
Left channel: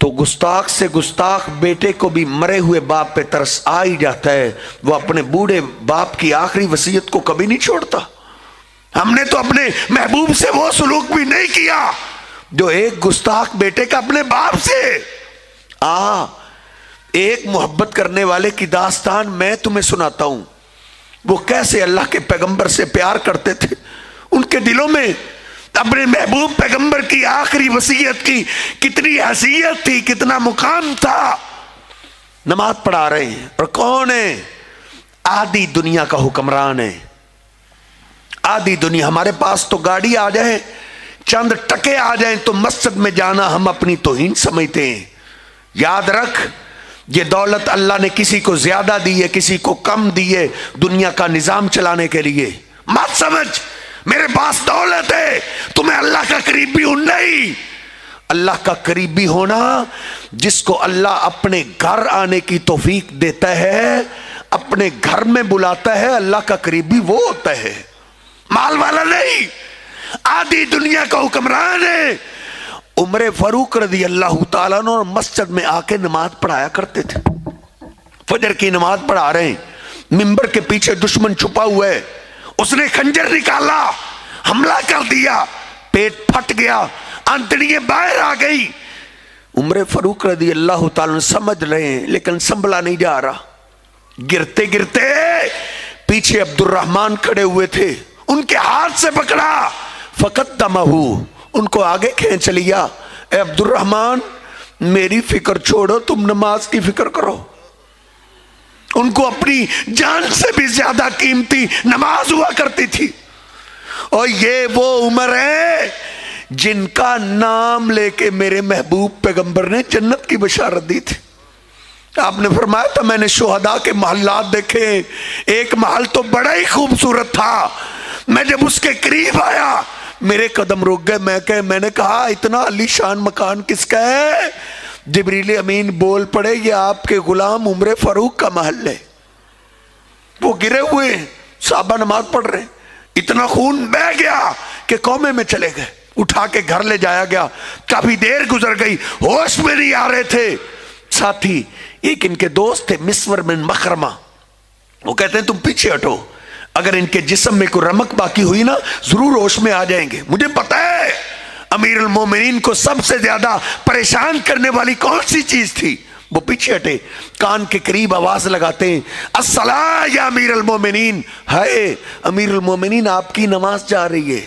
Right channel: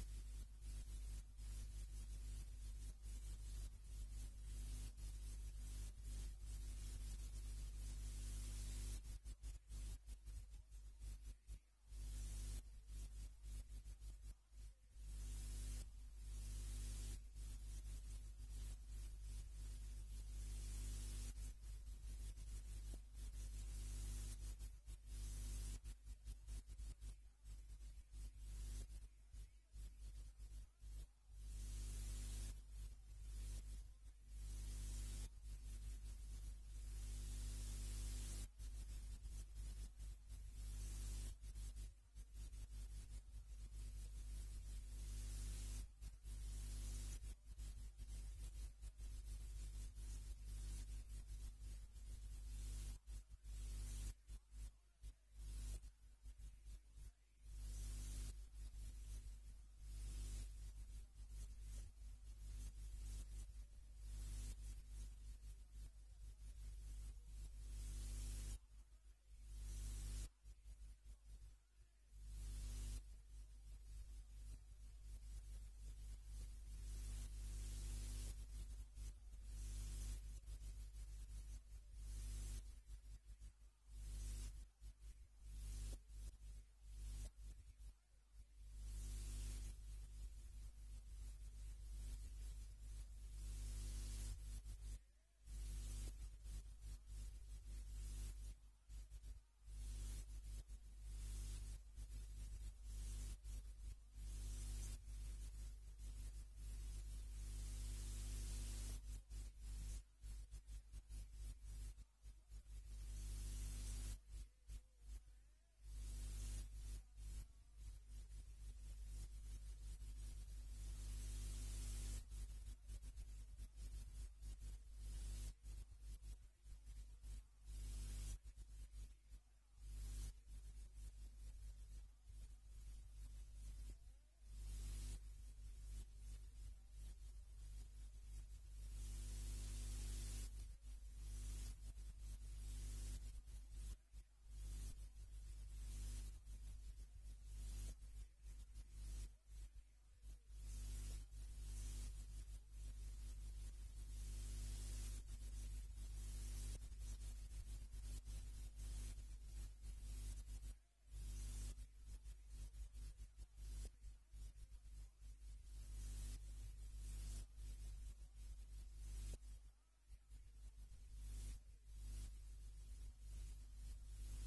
تو گستاخ سے گستاخ بیٹے کو بھی مرے ہوئے باپ پہ ترس آ ہی جاتا ہے. وہ اپنے بوڑھے باپ کی آخری وصیت کو کبھی نہیں چھوڑتا. ہم نے تو اپنے محبوب سے وہ سلوک بھی نہیں کیا جو ایک گستاخ بیٹے کا اپنے باپ سے. ایک محبت کرنے والے کی داستان میں تمہیں سناتا ہوں. وہ کیسے اللہ کے پیغمبر سے پیار کرتے تھے. ان کے دلوں میں اپنے محبوب پیغمبر کی آخری وصیت کی کتنی حیثیت تھی، کتنا مقام تھا. نماز پڑھا رہے ہیں اور کون ہے؟ آدھی دنیا کا حکمران ہے. آدھی دنیا. ہمارے پاس تو گاڑی آ جائے، چند ٹکے آ جائیں تو مسجد میں جانا ہم اپنی توہین سمجھتے ہیں. یاد رکھ، یہ دولت اللہ نے کسی کو زیادہ دی ہے، کسی کو کم دی ہے دنیا کا نظام چلانے کے لیے. مت سمجھ میرے پاس دولت ہے تو میں اللہ کا قریبی ہوں. نہیں، اللہ کا قریبی ہونا جس کو اللہ اپنے گھر آنے کی توفیق دیتا ہے، اپنے گھر میں بلاتا ہے، اللہ کا قریبی وہ ہوتا ہے، مال والا نہیں. آدھی دنیا کا حکمران ہے. عمر فاروق رضی اللہ تعالیٰ عنہ مسجد میں آ کے نماز پڑھایا کرتے تھے. فجر کی نماز پڑھا رہے ہیں، منبر کے پیچھے دشمن چھپا ہوا ہے. اس نے خنجر نکالا، حملہ کر دیا، پیٹ پھٹ گیا، آنتڑیاں باہر آ گئی. عمر فاروق رضی اللہ تعالیٰ عنہ سمجھ رہے ہیں لیکن سنبھلا نہیں جا رہا. گرتے گرتے پیچھے عبد الرحمن کھڑے ہوئے تھے، ان کے ہاتھ سے پکڑا، فقدمہو، ان کو آگے کھینچ لیا. اے عبد الرحمن، میری فکر چھوڑو، تم نماز کی فکر کرو. ان کو اپنی جان سے بھی زیادہ قیمتی نماز ہوا کرتی تھی. اور یہ وہ عمر ہے جن کا نام لے کے میرے محبوب پیغمبر نے جنت کی بشارت دی تھی. آپ نے فرمایا تھا میں نے شہداء کے محلات دیکھے، ایک محل تو بڑا ہی خوبصورت تھا، میں جب اس کے قریب آیا میرے قدم رک گئے. میں نے کہا اتنا علی شان مکان کس کا ہے؟ جبریل امین بول پڑے یہ آپ کے غلام عمر فاروق کا محل ہے. وہ گرے ہوئے ہیں، صحابہ نماز پڑھ رہے ہیں. اتنا خون بہ گیا کہ قومے میں چلے گئے. اٹھا کے گھر لے جایا گیا. کافی دیر گزر گئی، ہوش میں نہیں آ رہے تھے. ساتھی ایک ان کے دوست تھے مسور بن مخرمہ، وہ کہتے ہیں تم پیچھے ہٹو، اگر ان کے جسم میں کوئی رمق باقی ہوئی نا ضرور ہوش میں آ جائیں گے. مجھے پتا ہے امیر المومنین کو سب سے زیادہ پریشان کرنے والی کون سی چیز تھی. وہ پیچھے ہٹے، کان کے قریب آواز لگاتے ہیں الصلاۃ یا امیر المومنین. ہائے امیر المومنین، آپ کی نماز جا رہی ہے.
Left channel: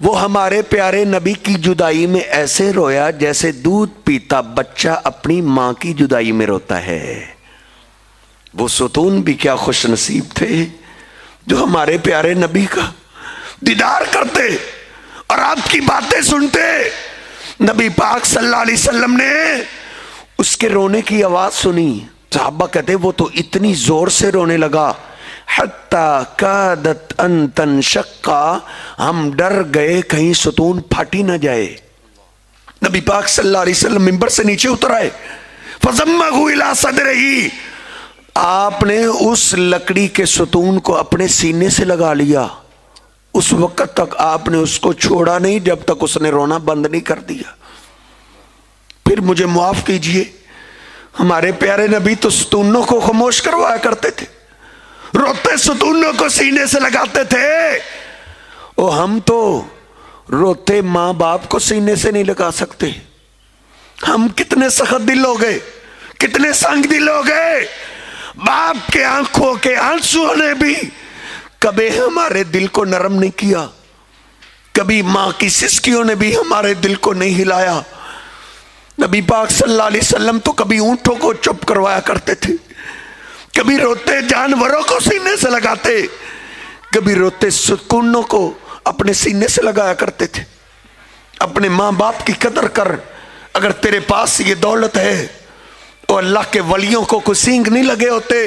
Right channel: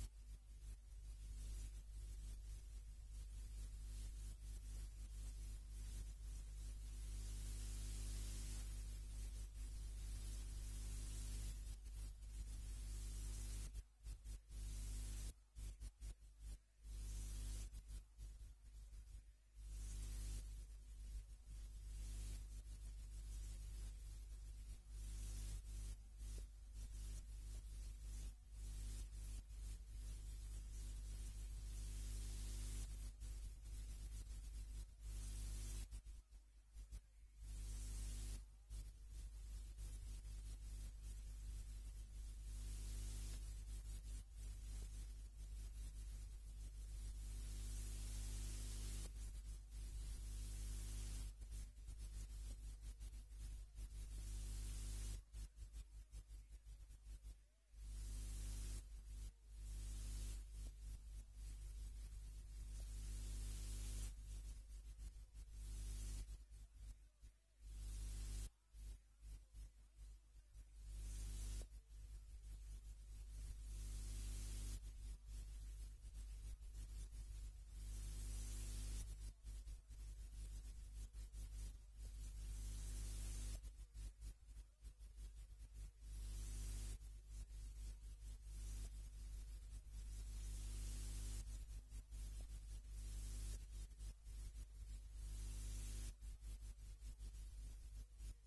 وہ ہمارے پیارے نبی کی جدائی میں ایسے رویا جیسے دودھ پیتا بچہ اپنی ماں کی جدائی میں روتا ہے۔ وہ ستون بھی کیا خوش نصیب تھے جو ہمارے پیارے نبی کا دیدار کرتے اور آپ کی باتیں سنتے۔ نبی پاک صلی اللہ علیہ وسلم نے اس کے رونے کی آواز سنی، صحابہ کہتے وہ تو اتنی زور سے رونے لگا، حتی کادت ان تنشقا، ہم ڈر گئے کہیں ستون پھٹی نہ جائے۔ نبی پاک صلی اللہ علیہ وسلم منبر سے نیچے اتر آئے، فضمہ الی صدرہی، آپ نے اس لکڑی کے ستون کو اپنے سینے سے لگا لیا۔ اس وقت تک آپ نے اس کو چھوڑا نہیں جب تک اس نے رونا بند نہیں کر دیا۔ پھر مجھے معاف کیجئے، ہمارے پیارے نبی تو ستونوں کو خاموش کروایا کرتے تھے، روتے ستونوں کو سینے سے لگاتے تھے، اور ہم تو روتے ماں باپ کو سینے سے نہیں لگا سکتے۔ ہم کتنے سخت دل ہو گئے، کتنے سنگ دل ہو گئے۔ باپ کے آنکھوں کے آنسو نے بھی کبھی ہمارے دل کو نرم نہیں کیا، کبھی ماں کی سسکیوں نے بھی ہمارے دل کو نہیں ہلایا۔ نبی پاک صلی اللہ علیہ وسلم تو کبھی اونٹوں کو چپ کروایا کرتے تھے، کبھی روتے جانوروں کو سینے سے لگاتے، کبھی روتے ستونوں کو اپنے سینے سے لگایا کرتے تھے۔ اپنے ماں باپ کی قدر کر، اگر تیرے پاس یہ دولت ہے تو اللہ کے ولیوں کو کوئی سینگ نہیں لگے ہوتے،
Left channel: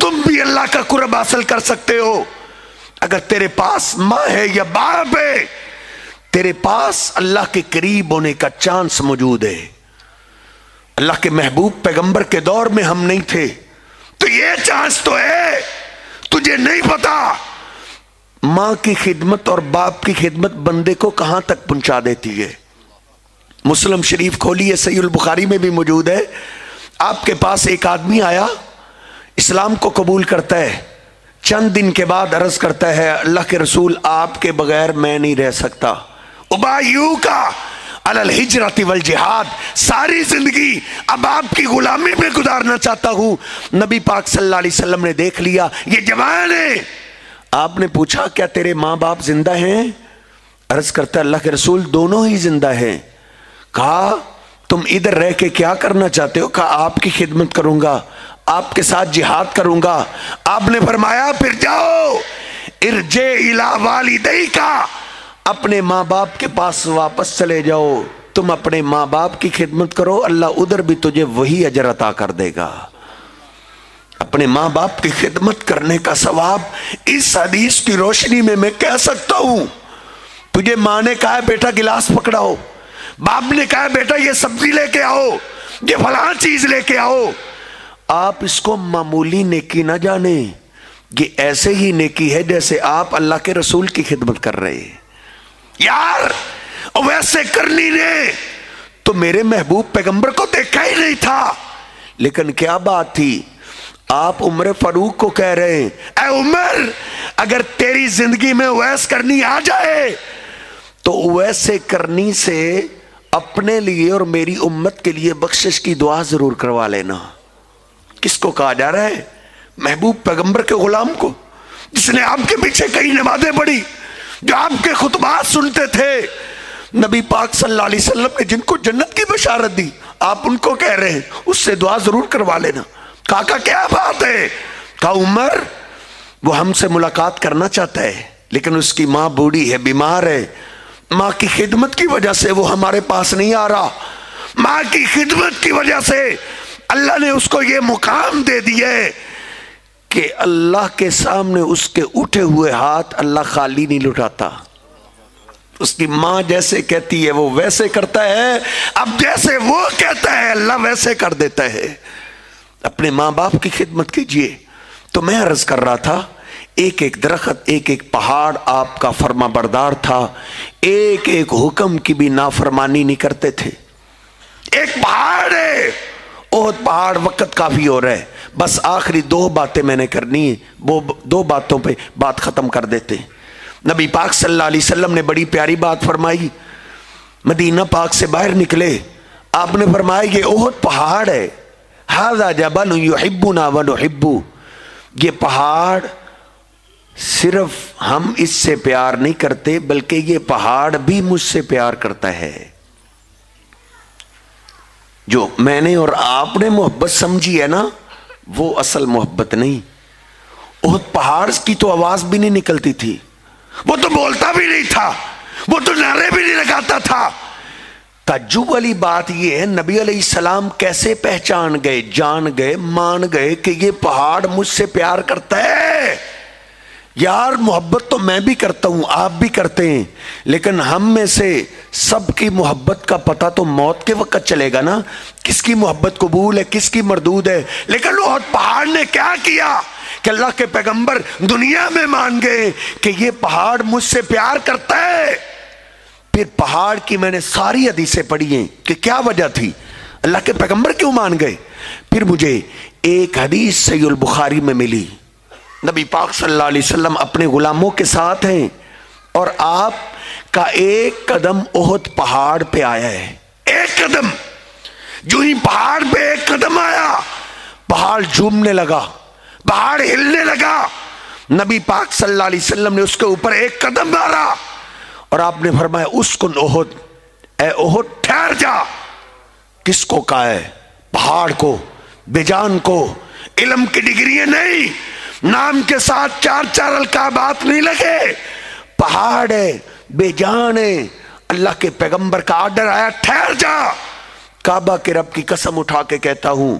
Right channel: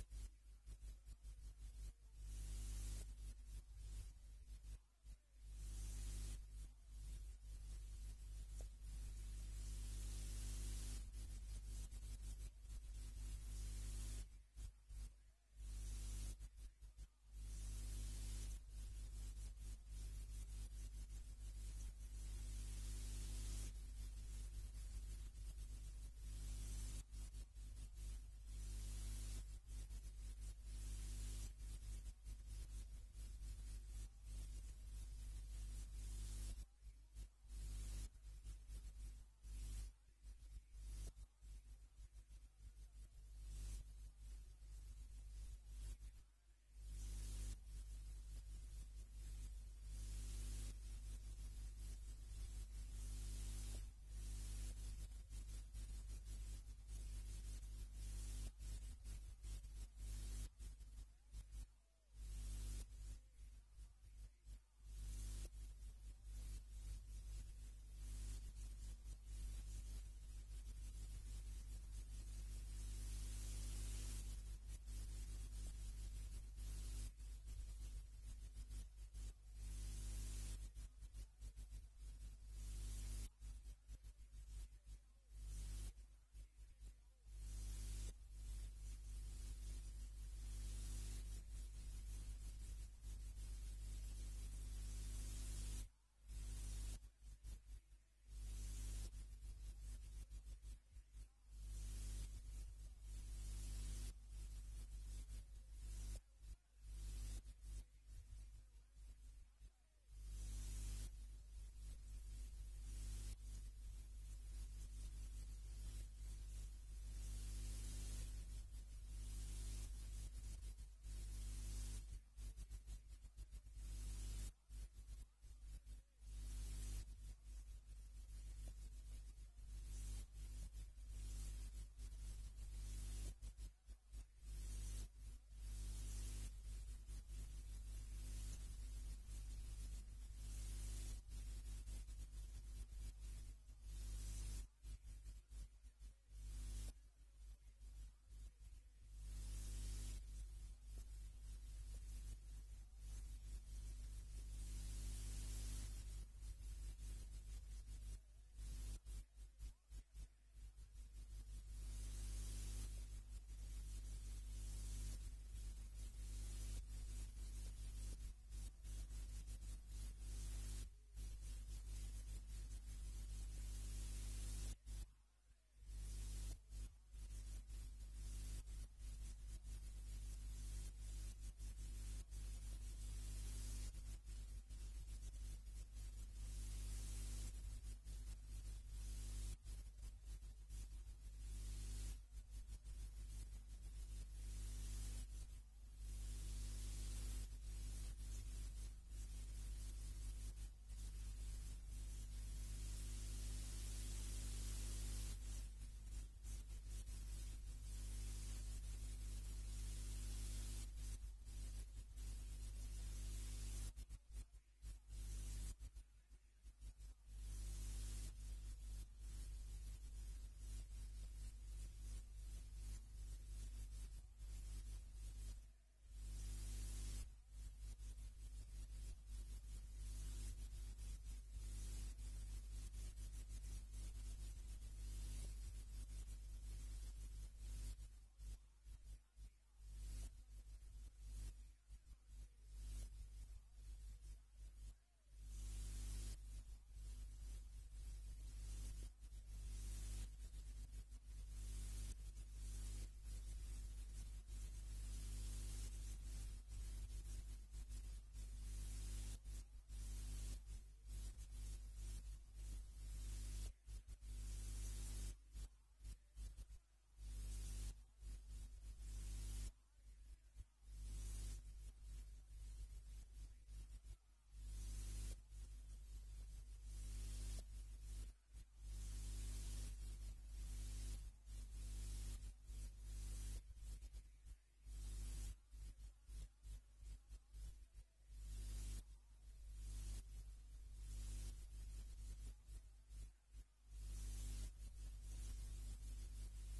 تم بھی اللہ کا قرب حاصل کر سکتے ہو۔ اگر تیرے پاس ماں ہے یا باپ ہے، تیرے پاس اللہ کے قریب ہونے کا چانس موجود ہے۔ اللہ کے محبوب پیغمبر کے دور میں ہم نہیں تھے تو یہ چانس تو ہے، تجھے نہیں پتا ماں کی خدمت اور باپ کی خدمت بندے کو کہاں تک پہنچا دیتی ہے۔ مسلم شریف کھولیے، صحیح البخاری میں بھی موجود ہے، آپ کے پاس ایک آدمی آیا، اسلام کو قبول کرتا ہے، چند دن کے بعد عرض کرتا ہے اللہ کے رسول آپ کے بغیر میں نہیں رہ سکتا، ابایو کا علی الہجرۃ والجہاد، ساری زندگی اب آپ کی غلامی میں گزارنا چاہتا ہوں۔ نبی پاک صلی اللہ علیہ وسلم نے دیکھ لیا یہ جوان ہے۔ آپ نے پوچھا کیا تیرے ماں باپ زندہ ہیں؟ عرض کرتا ہے اللہ کے رسول دونوں ہی زندہ ہیں۔ کہا تم ادھر رہ کے کیا کرنا چاہتے ہو؟ کہا آپ کی خدمت کروں گا، آپ کے ساتھ جہاد کروں گا۔ آپ نے فرمایا پھر جاؤ، ارجع الی والدیک، اپنے ماں باپ کے پاس واپس چلے جاؤ، تم اپنے ماں باپ کی خدمت کرو، اللہ ادھر بھی تجھے وہی اجر عطا کر دے گا۔ اپنے ماں باپ کی خدمت کرنے کا ثواب اس حدیث کی روشنی میں کہہ سکتا ہوں۔ تجھے ماں نے کہا بیٹا گلاس پکڑاؤ، باپ نے کہا بیٹا یہ سبزی لے کے آؤ، یہ فلاں چیز لے کے آؤ، آپ اس کو معمولی نیکی نہ جانیں، یہ ایسے ہی نیکی ہے جیسے آپ اللہ کے رسول کی خدمت کر رہے ہیں۔ یار ویسے کرنی نے تو میرے محبوب پیغمبر کو دیکھا ہی نہیں تھا، لیکن کیا بات تھی، آپ عمر فاروق کو کہہ رہے ہیں اے عمر اگر تیری زندگی میں ویس کرنی آ جائے تو ویسے کرنی سے اپنے لیے اور میری امت کے لیے بخشش کی دعا ضرور کروا لینا۔ کس کو کہا جا رہا ہے؟ محبوب پیغمبر کے غلام کو، جس نے آپ کے پیچھے کئی نمازیں پڑھی، جو آپ کے خطبات سنتے تھے۔ نبی پاک صلی اللہ علیہ وسلم نے جن کو جنت کی بشارت دی، آپ ان کو کہہ رہے ہیں اس سے دعا ضرور کروا لینا۔ کہا کیا بات ہے؟ کہا عمر وہ ہم سے ملاقات کرنا چاہتا ہے لیکن اس کی ماں بوڑھی ہے، بیمار ہے، ماں کی خدمت کی وجہ سے وہ ہمارے پاس نہیں آ رہا، ماں کی خدمت کی وجہ سے اللہ نے اس کو یہ مقام دے دیا ہے کہ اللہ کے سامنے اس کے اٹھے ہوئے ہاتھ اللہ خالی نہیں لٹاتا۔ اس کی ماں جیسے کہتی ہے وہ ویسے کرتا ہے، اب جیسے وہ کہتا ہے اللہ ویسے کر دیتا ہے۔ اپنے ماں باپ کی خدمت کیجئے۔ تو میں عرض کر رہا تھا ایک ایک درخت، ایک ایک پہاڑ آپ کا فرما بردار تھا، ایک ایک حکم کی بھی نافرمانی نہیں کرتے تھے۔ ایک پہاڑ ہے احد پہاڑ، وقت کافی ہو رہا ہے، بس آخری دو باتیں میں نے کرنی ہے، وہ دو باتوں پہ بات ختم کر دیتے ہیں۔ نبی پاک صلی اللہ علیہ وسلم نے بڑی پیاری بات فرمائی، مدینہ پاک سے باہر نکلے، آپ نے فرمایا یہ احد پہاڑ ہے، ھذا جبل یحبنا ونحبہ، یہ پہاڑ صرف ہم اس سے پیار نہیں کرتے بلکہ یہ پہاڑ بھی مجھ سے پیار کرتا ہے. جو میں نے اور آپ نے محبت سمجھی ہے نا وہ اصل محبت نہیں. احد پہاڑ کی تو آواز بھی نہیں نکلتی تھی, وہ تو بولتا بھی نہیں تھا, وہ تو نعرے بھی نہیں لگاتا تھا. تعجب والی بات یہ ہے نبی علیہ السلام کیسے پہچان گئے, جان گئے, مان گئے کہ یہ پہاڑ مجھ سے پیار کرتا ہے. یار محبت تو میں بھی کرتا ہوں, آپ بھی کرتے ہیں, لیکن ہم میں سے سب کی محبت کا پتہ تو موت کے وقت چلے گا نا, کس کی محبت قبول ہے کس کی مردود ہے. لیکن احد پہاڑ نے کیا کیا کہ اللہ کے پیغمبر دنیا میں مان گئے کہ یہ پہاڑ مجھ سے پیار کرتا ہے. پھر پہاڑ کی میں نے ساری حدیثیں پڑھی ہیں کہ کیا وجہ تھی, اللہ کے پیغمبر کیوں مان گئے. پھر مجھے ایک حدیث صحیح البخاری میں ملی, نبی پاک صلی اللہ علیہ وسلم اپنے غلاموں کے ساتھ ہیں اور آپ کا ایک قدم احد پہاڑ پہ آیا ہے. ایک قدم, جو ہی پہاڑ پہ ایک قدم آیا پہاڑ جھومنے لگا, پہاڑ ہلنے لگا. نبی پاک صلی اللہ علیہ وسلم نے اس کے اوپر ایک قدم مارا اور آپ نے فرمایا اسکن احد, اے احد ٹھہر جا. کس کو کہا ہے؟ پہاڑ کو, بیجان کو. علم کی ڈگریاں نہیں, نام کے ساتھ چار چار القابات نہیں لگے. پہاڑ ہے, بے جان ہے. اللہ کے پیغمبر کا آرڈر آیا ٹھہر جا. کعبہ کے رب کی قسم اٹھا کے کہتا ہوں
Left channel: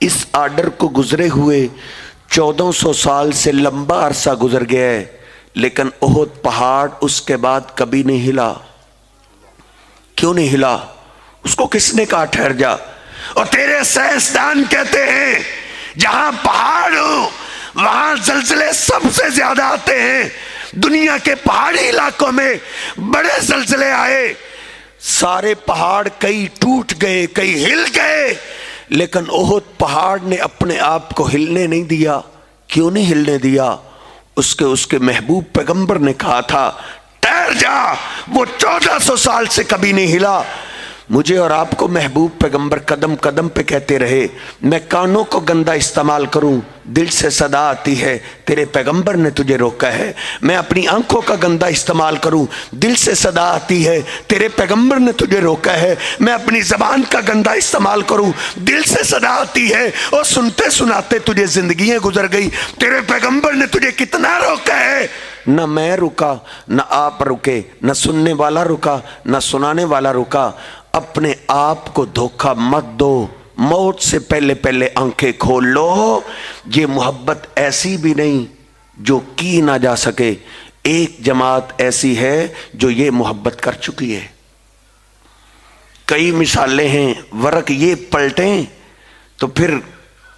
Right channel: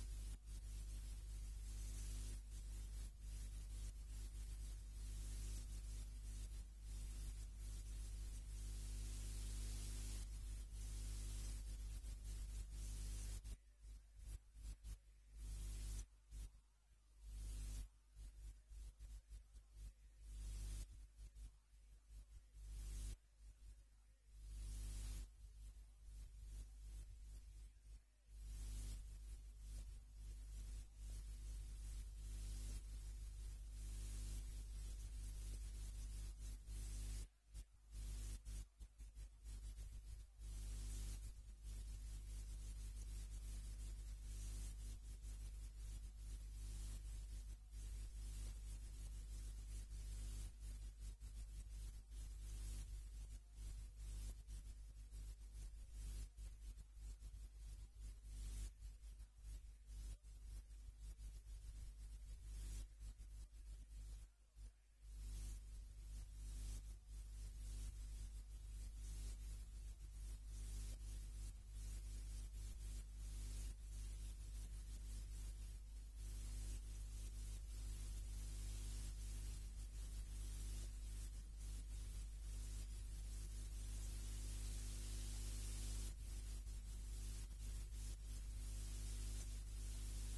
اس آرڈر کو گزرے ہوئے 1400 سال سے لمبا عرصہ گزر گیا ہے, لیکن احد پہاڑ اس کے بعد کبھی نہیں ہلا. کیوں نہیں ہلا؟ اس کو کس نے کہا ٹھہر جا؟ اور تیرے سائنسدان کہتے ہیں جہاں پہاڑ ہو وہاں زلزلے سب سے زیادہ آتے ہیں. دنیا کے پہاڑی علاقوں میں بڑے زلزلے آئے, سارے پہاڑ کئی ٹوٹ گئے کئی ہل گئے, لیکن احد پہاڑ نے اپنے آپ کو ہلنے نہیں دیا. کیوں نہیں ہلنے دیا؟ اس کے محبوب پیغمبر نے کہا تھا ٹھہر جا. وہ 1400 سال سے کبھی نہیں ہلا. مجھے اور آپ کو محبوب پیغمبر قدم قدم پہ کہتے رہے. میں کانوں کو گندا استعمال کروں, دل سے صدا آتی ہے تیرے پیغمبر نے تجھے روکا ہے. میں اپنی آنکھوں کا گندا استعمال کروں, دل سے صدا آتی ہے تیرے پیغمبر نے تجھے روکا ہے. میں اپنی زبان کا گندا استعمال کروں, دل سے صدا آتی ہے, اور سنتے سناتے تجھے زندگیاں گزر گئی. تیرے پیغمبر نے تجھے کتنا روکا ہے. نہ میں رکا, نہ آپ رکے, نہ سننے والا رکا, نہ سنانے والا رکا. اپنے آپ کو دھوکہ مت دو, موت سے پہلے پہلے آنکھیں کھول لو. یہ محبت ایسی بھی نہیں جو کی نہ جا سکے. ایک جماعت ایسی ہے جو یہ محبت کر چکی ہے. کئی مثالیں ہیں, ورق یہ پلٹیں تو پھر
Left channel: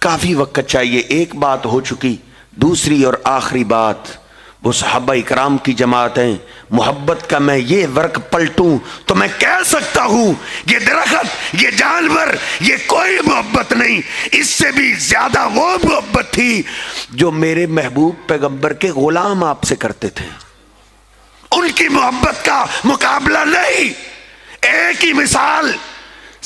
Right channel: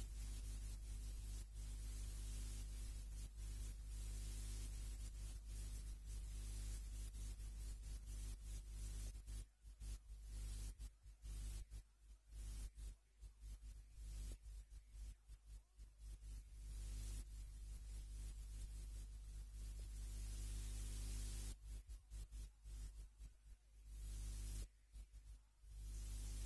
کافی وقت چاہیے. ایک بات ہو چکی. دوسری اور آخری بات, وہ صحابہ اکرام کی جماعت ہیں. محبت کا میں یہ ورق پلٹوں تو میں کہہ سکتا ہوں یہ درخت, یہ جانور, یہ کوئی محبت نہیں. اس سے بھی زیادہ وہ محبت تھی جو میرے محبوب پیغمبر کے غلام آپ سے کرتے تھے. ان کی محبت کا مقابلہ نہیں. ایک ہی مثال,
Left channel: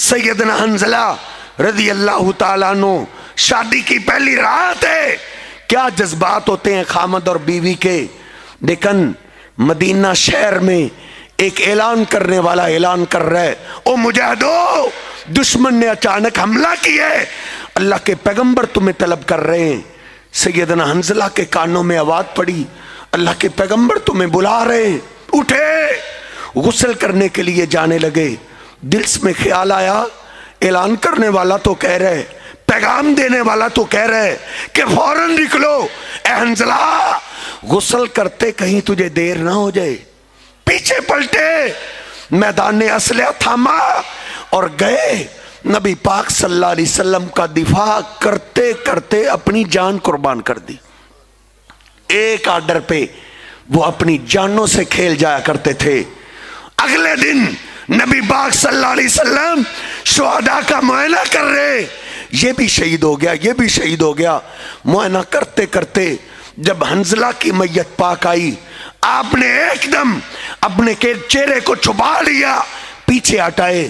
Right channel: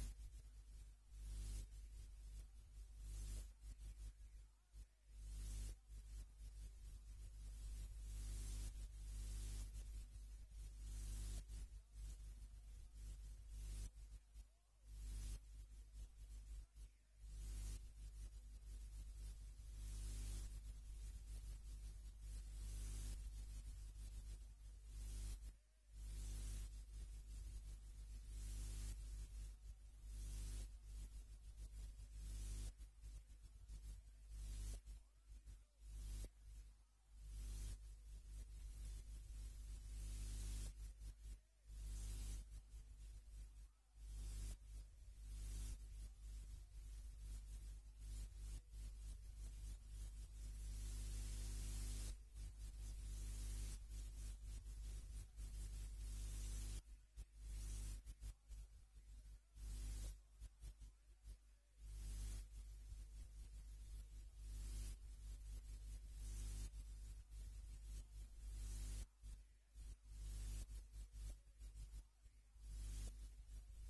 سیدنا حنظلہ رضی اللہ تعالیٰ عنہ, شادی کی پہلی رات ہے. کیا جذبات ہوتے ہیں خامد اور بیوی کے. لیکن مدینہ شہر میں ایک اعلان کرنے والا اعلان کر رہا ہے, او مجاہدو, دشمن نے اچانک حملہ کیا ہے, اللہ کے پیغمبر تمہیں طلب کر رہے ہیں. سیدنا حنظلہ کے کانوں میں آواز پڑی, اللہ کے پیغمبر تمہیں بلا رہے ہیں. اٹھے, غسل کرنے کے لیے جانے لگے. دل میں خیال آیا اعلان کرنے والا تو کہہ رہے, پیغام دینے والا تو کہہ رہے کہ فوراً نکلو. اے حنظلہ, غسل کرتے کہیں تجھے دیر نہ ہو جائے. پیچھے پلٹے, میدان اسلحہ تھاما اور گئے. نبی پاک صلی اللہ علیہ وسلم کا دفاع کرتے کرتے اپنی جان قربان کر دی. ایک آرڈر پہ وہ اپنی جانوں سے کھیل جایا کرتے تھے. اگلے دن نبی پاک صلی اللہ علیہ وسلم شہداء کا معائنہ کر رہے. یہ بھی شہید ہو گیا, یہ بھی شہید ہو گیا. معائنہ کرتے کرتے جب حنظلہ کی میت پاک آئی, آپ نے ایک دم اپنے چہرے کو چھپا لیا, پیچھے ہٹائے.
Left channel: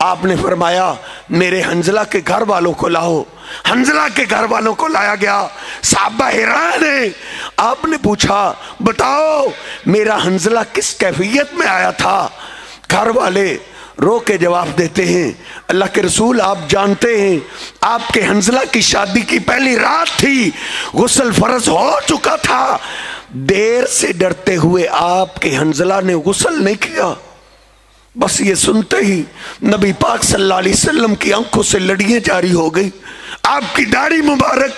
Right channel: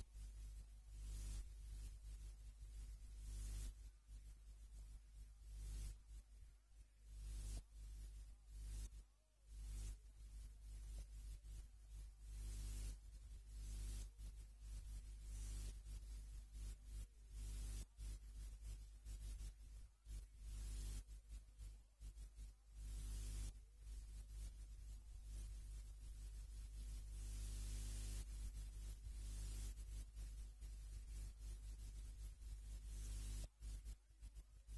آپ نے فرمایا میرے حنظلہ کے گھر والوں کو لاؤ. حنظلہ کے گھر والوں کو لایا گیا، صحابہ حیران ہیں۔ آپ نے پوچھا بتاؤ میرا حنظلہ کس کیفیت میں آیا تھا؟ گھر والے رو کے جواب دیتے ہیں اللہ کے رسول آپ جانتے ہیں آپ کے حنظلہ کی شادی کی پہلی رات تھی، غسل فرض ہو چکا تھا، دیر سے ڈرتے ہوئے آپ کے حنظلہ نے غسل نہیں کیا۔ بس یہ سنتے ہی نبی پاک صلی اللہ علیہ وسلم کی آنکھوں سے لڑیاں جاری ہو گئی، آپ کی داڑھی مبارک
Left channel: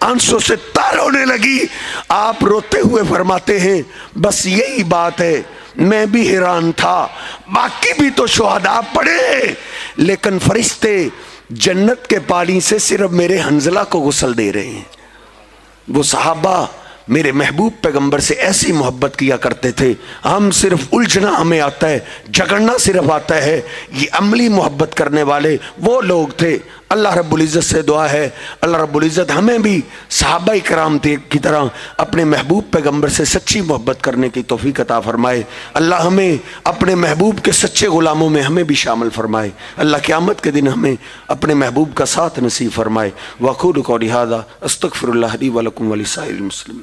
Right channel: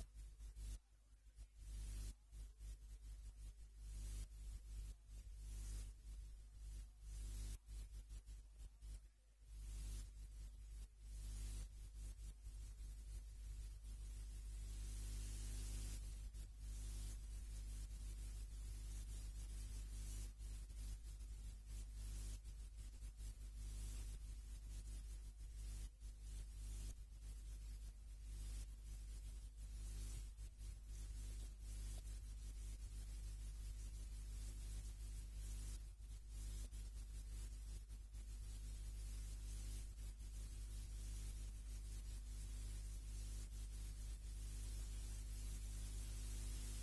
آنسوں سے تر ہونے لگی۔ آپ روتے ہوئے فرماتے ہیں بس یہی بات ہے، میں بھی حیران تھا، باقی بھی تو شہداء پڑے لیکن فرشتے جنت کے پانی سے صرف میرے حنظلہ کو غسل دے رہے ہیں۔ وہ صحابہ میرے محبوب پیغمبر سے ایسی محبت کیا کرتے تھے، ہم صرف الجھنا ہمیں آتا ہے، جھگڑنا صرف آتا ہے، یہ عملی محبت کرنے والے وہ لوگ تھے۔ اللہ رب العزت سے دعا ہے اللہ رب العزت ہمیں بھی صحابہ کرام کی طرح اپنے محبوب پیغمبر سے سچی محبت کرنے کی توفیق عطا فرمائے۔ اللہ ہمیں اپنے محبوب کے سچے غلاموں میں ہمیں بھی شامل فرمائے۔ اللہ قیامت کے دن ہمیں اپنے محبوب کا ساتھ نصیب فرمائے۔ وَأَقُولُ قَوْلِي هَٰذَا أَسْتَغْفِرُ اللَّهَ لِي وَلَكُمْ وَلِسَائِرِ الْمُسْلِمِينَ۔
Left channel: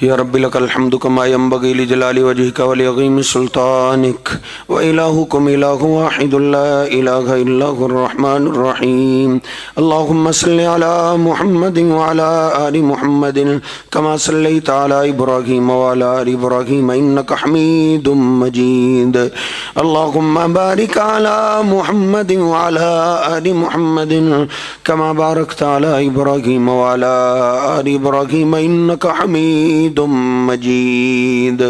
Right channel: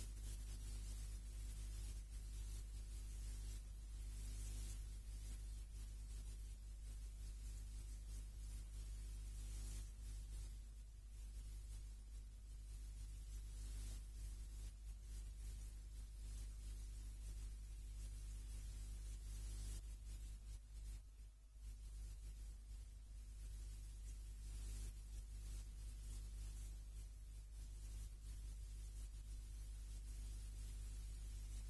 یا رب لک الحمد کما ینبغی لجلال وجہک ولعظیم سلطانک وإلہکم الہ واحد لا الہ الا هو الرحمن الرحیم۔ اللہم صل علی محمد وعلی آل محمد کما صلیت علی ابراہیم وعلی آل ابراہیم انک حمید مجید۔ اللہم بارک علی محمد وعلی آل محمد کما بارکت علی ابراہیم وعلی آل ابراہیم انک حمید مجید۔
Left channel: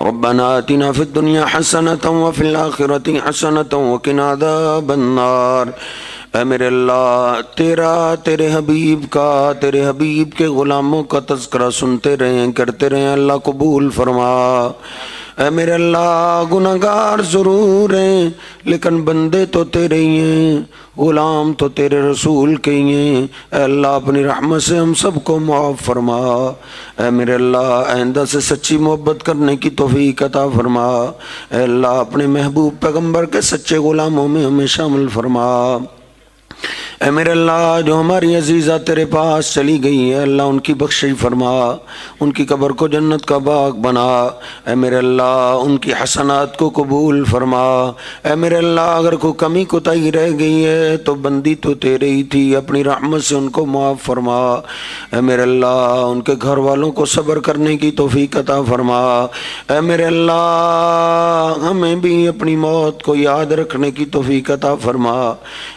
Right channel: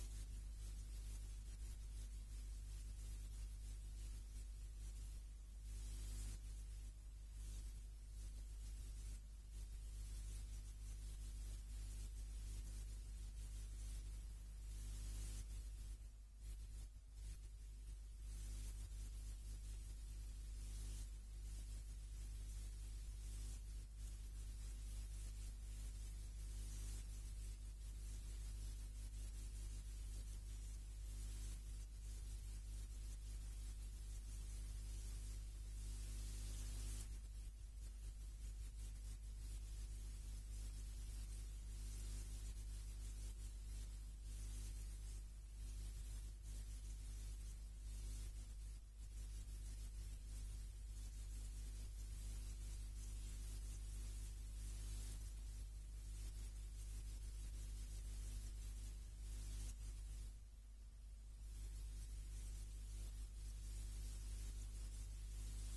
ربنا آتنا فی الدنیا حسنة وفی الآخرة حسنة وقنا عذاب النار۔ اے میرے اللہ تیرے حبیب کے غلاموں کا تذکرہ سنتے رہیں کرتے رہیں، اللہ قبول فرما۔ اے میرے اللہ گناہگار ضرور ہیں لیکن بندے تو تیرے ہی ہیں، غلام تو تیرے رسول کے ہی ہیں۔ اے اللہ اپنی رحمت سے ہم سب کو معاف فرما۔ اے میرے اللہ آئندہ سے سچی محبت کرنے کی توفیق عطا فرما۔ اے اللہ اپنے محبوب پیغمبر کے سچے غلاموں میں ہمیں شامل فرما۔ اے میرے اللہ جو ہماری عزیزہ تیرے پاس چلی گئی ہے اللہ ان کی بخشش فرما، ان کی قبر کو جنت کا باغ بنا۔ اے میرے اللہ ان کی حسنات کو قبول فرما۔ اے میرے اللہ اگر کوئی کمی کوتاہی رہ گئی ہے تو بندی تو تیرے ہی تھی، اپنی رحمت سے ان کو معاف فرما۔ اے میرے اللہ ان کے گھر والوں کو صبر کرنے کی توفیق عطا فرما۔ اے میرے اللہ ہمیں بھی اپنی موت کو یاد رکھنے کی توفیق عطا فرما۔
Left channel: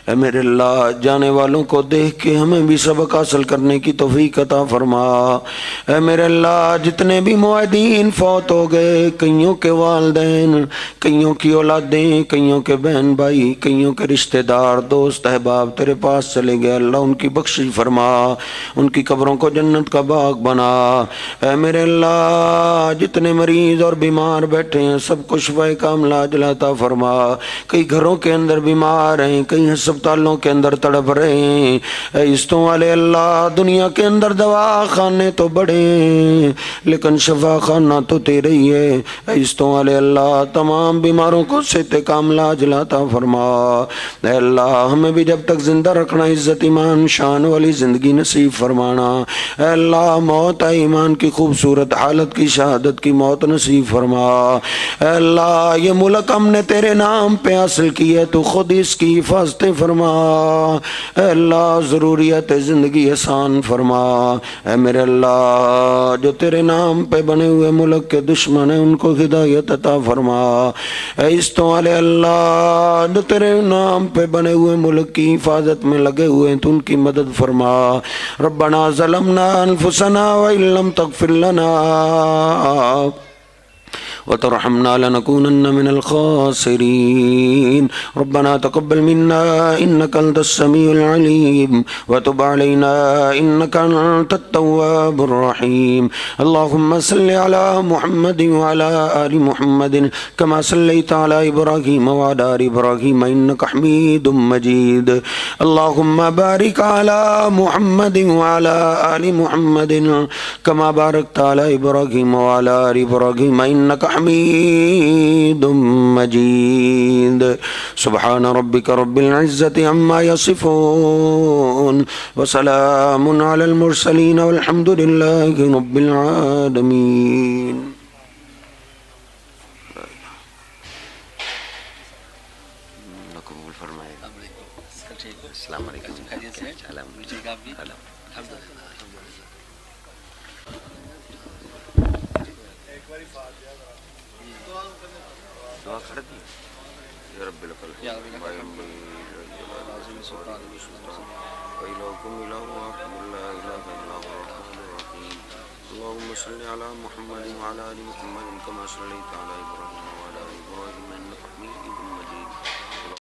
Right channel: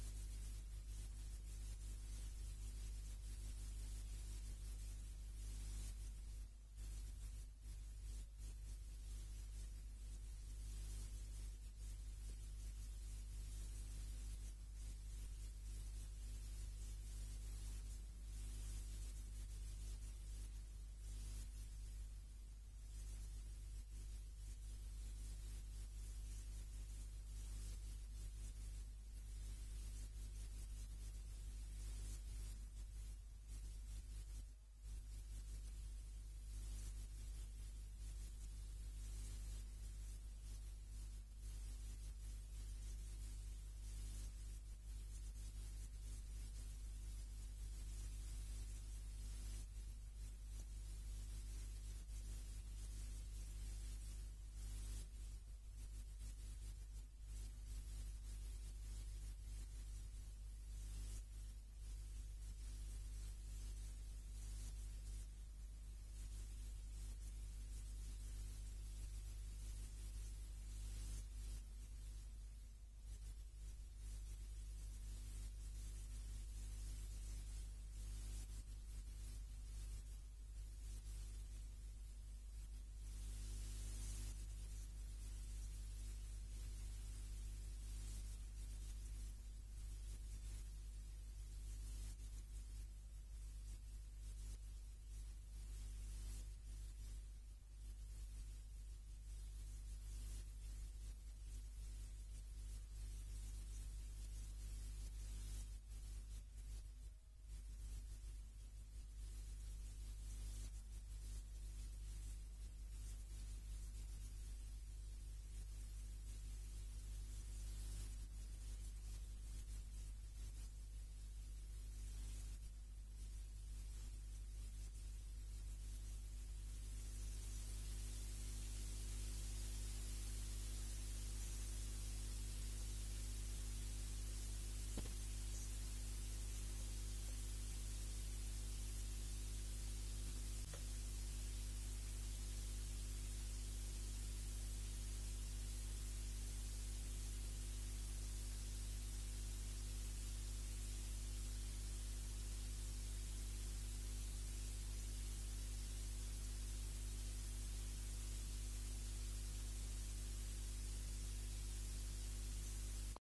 اے میرے اللہ جانے والوں کو دیکھ کے ہمیں بھی سبق حاصل کرنے کی توفیق عطا فرما۔ اے میرے اللہ جتنے بھی معاہدین فوت ہو گئے، کئیوں کے والدین، کئیوں کی اولادیں، کئیوں کے بہن بھائی، کئیوں کے رشتہ دار دوست احباب تیرے پاس چلے گئے، اللہ ان کی بخشش فرما، ان کی قبروں کو جنت کا باغ بنا۔ اے میرے اللہ جتنے مریض اور بیمار بیٹھے ہیں سب کو شفائے کاملہ عاجلہ عطا فرما۔ کئی گھروں کے اندر بیمار ہیں، کئی ہسپتالوں کے اندر تڑپ رہے ہیں، اے عزتوں والے اللہ دنیا کے اندر دوا خانے تو بڑے ہیں لیکن شفا خانہ تو تیرے ہی ہے۔ اے عزتوں والے اللہ تمام بیماروں کو صحت کاملہ عاجلہ عطا فرما۔ اے اللہ ہمیں بھی جب تک زندہ رکھنا عزت ایمان شان والی زندگی نصیب فرمانا۔ اے اللہ موت ایمان کی خوبصورت حالت کی شہادت کی موت نصیب فرما۔ اے اللہ یہ ملک ہم نے تیرے نام پہ حاصل کی ہے، تو خود اس کی حفاظت فرما۔ اے اللہ ضروریات زندگی آسان فرما۔ اے میرے اللہ جو تیرے نام پہ بنے ہوئے ملک کے دشمن ہیں ان کو ہدایت عطا فرما۔ اے عزتوں والے اللہ جو تیرے نام پہ بنے ہوئے ملک کی حفاظت میں لگے ہوئے ہیں تو ان کی مدد فرما۔ ربنا ظلمنا انفسنا وإن لم تغفر لنا وترحمنا لنكونن من الخاسرين۔ ربنا تقبل منا إنك أنت السميع العليم وتب علينا إنك أنت التواب الرحيم۔ اللهم صل على محمد وعلى آل محمد كما صليت على إبراهيم وعلى آل إبراهيم إنك حميد مجيد۔ اللهم بارك على محمد وعلى آل محمد كما باركت على إبراهيم وعلى آل إبراهيم إنك حميد مجيد. سبحان ربك رب العزة عما يصفون وسلام على المرسلين والحمد لله رب العالمين. السلام علیکم. اللهم صل على محمد وعلى آل محمد كما صليت على إبراهيم